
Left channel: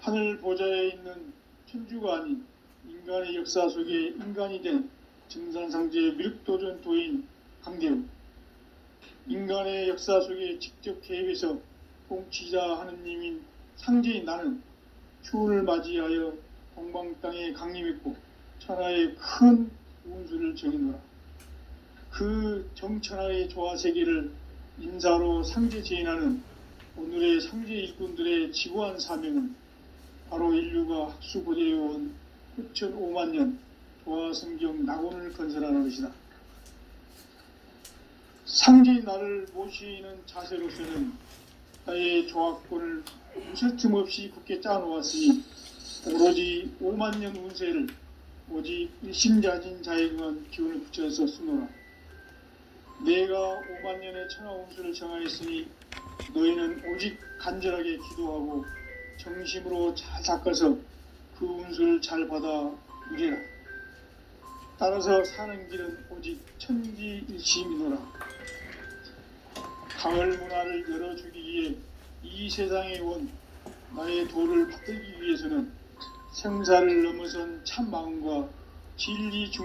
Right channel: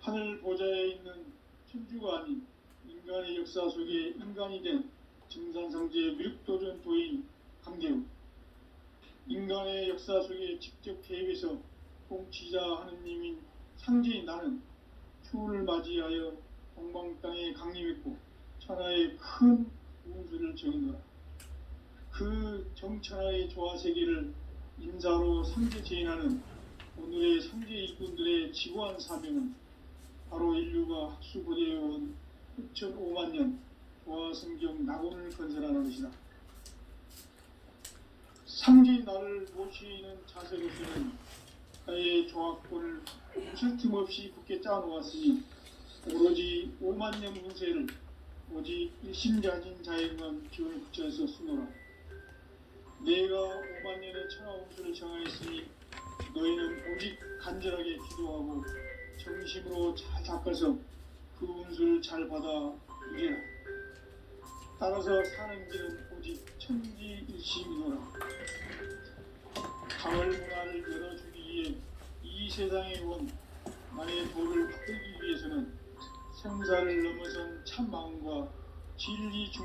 하늘 보좌에 있는 천주가 아닌 인간의 역사 속에 인간이 된 증산상제의 미륵도전 도인 강대우, 인간의 역사 속에 직접 개입해서 통치자 하느님인 상제인 나는 추운을 맞이하여 동방 땅에 강림했고 천하의 큰 운수를 정해놓아 그 정천하의 조화 세계를 인사로 상제 제인하는 오늘의 상제 일꾼들의 지구한 사명은 바로 인류가 학수고대해온 후천 5만 년 조화성경 낙원을 건설하는 것이다. 상제인 나를 모시는 자세로서는 나의 조화권을 무쇠틈 없이 굳게 짜놓았으니 오로지 5만 년 운세를 오직 일심자진 자에게만 기운을 붙여서 쓰노라. 내가 5만 년의 천하 운수를 정하였으니 너희는 오직 간절하게 기도하고 정심으로 잘 닦아서 그 운수를 잘 받아 누리라. 따라서 사는 길은 오직 천지일심이노라. 가을 문화를 열어주기 위해 이 세상에 온 나의 도를 받들기 위해서는 생사를 넘어선 참 마음과 진리 중심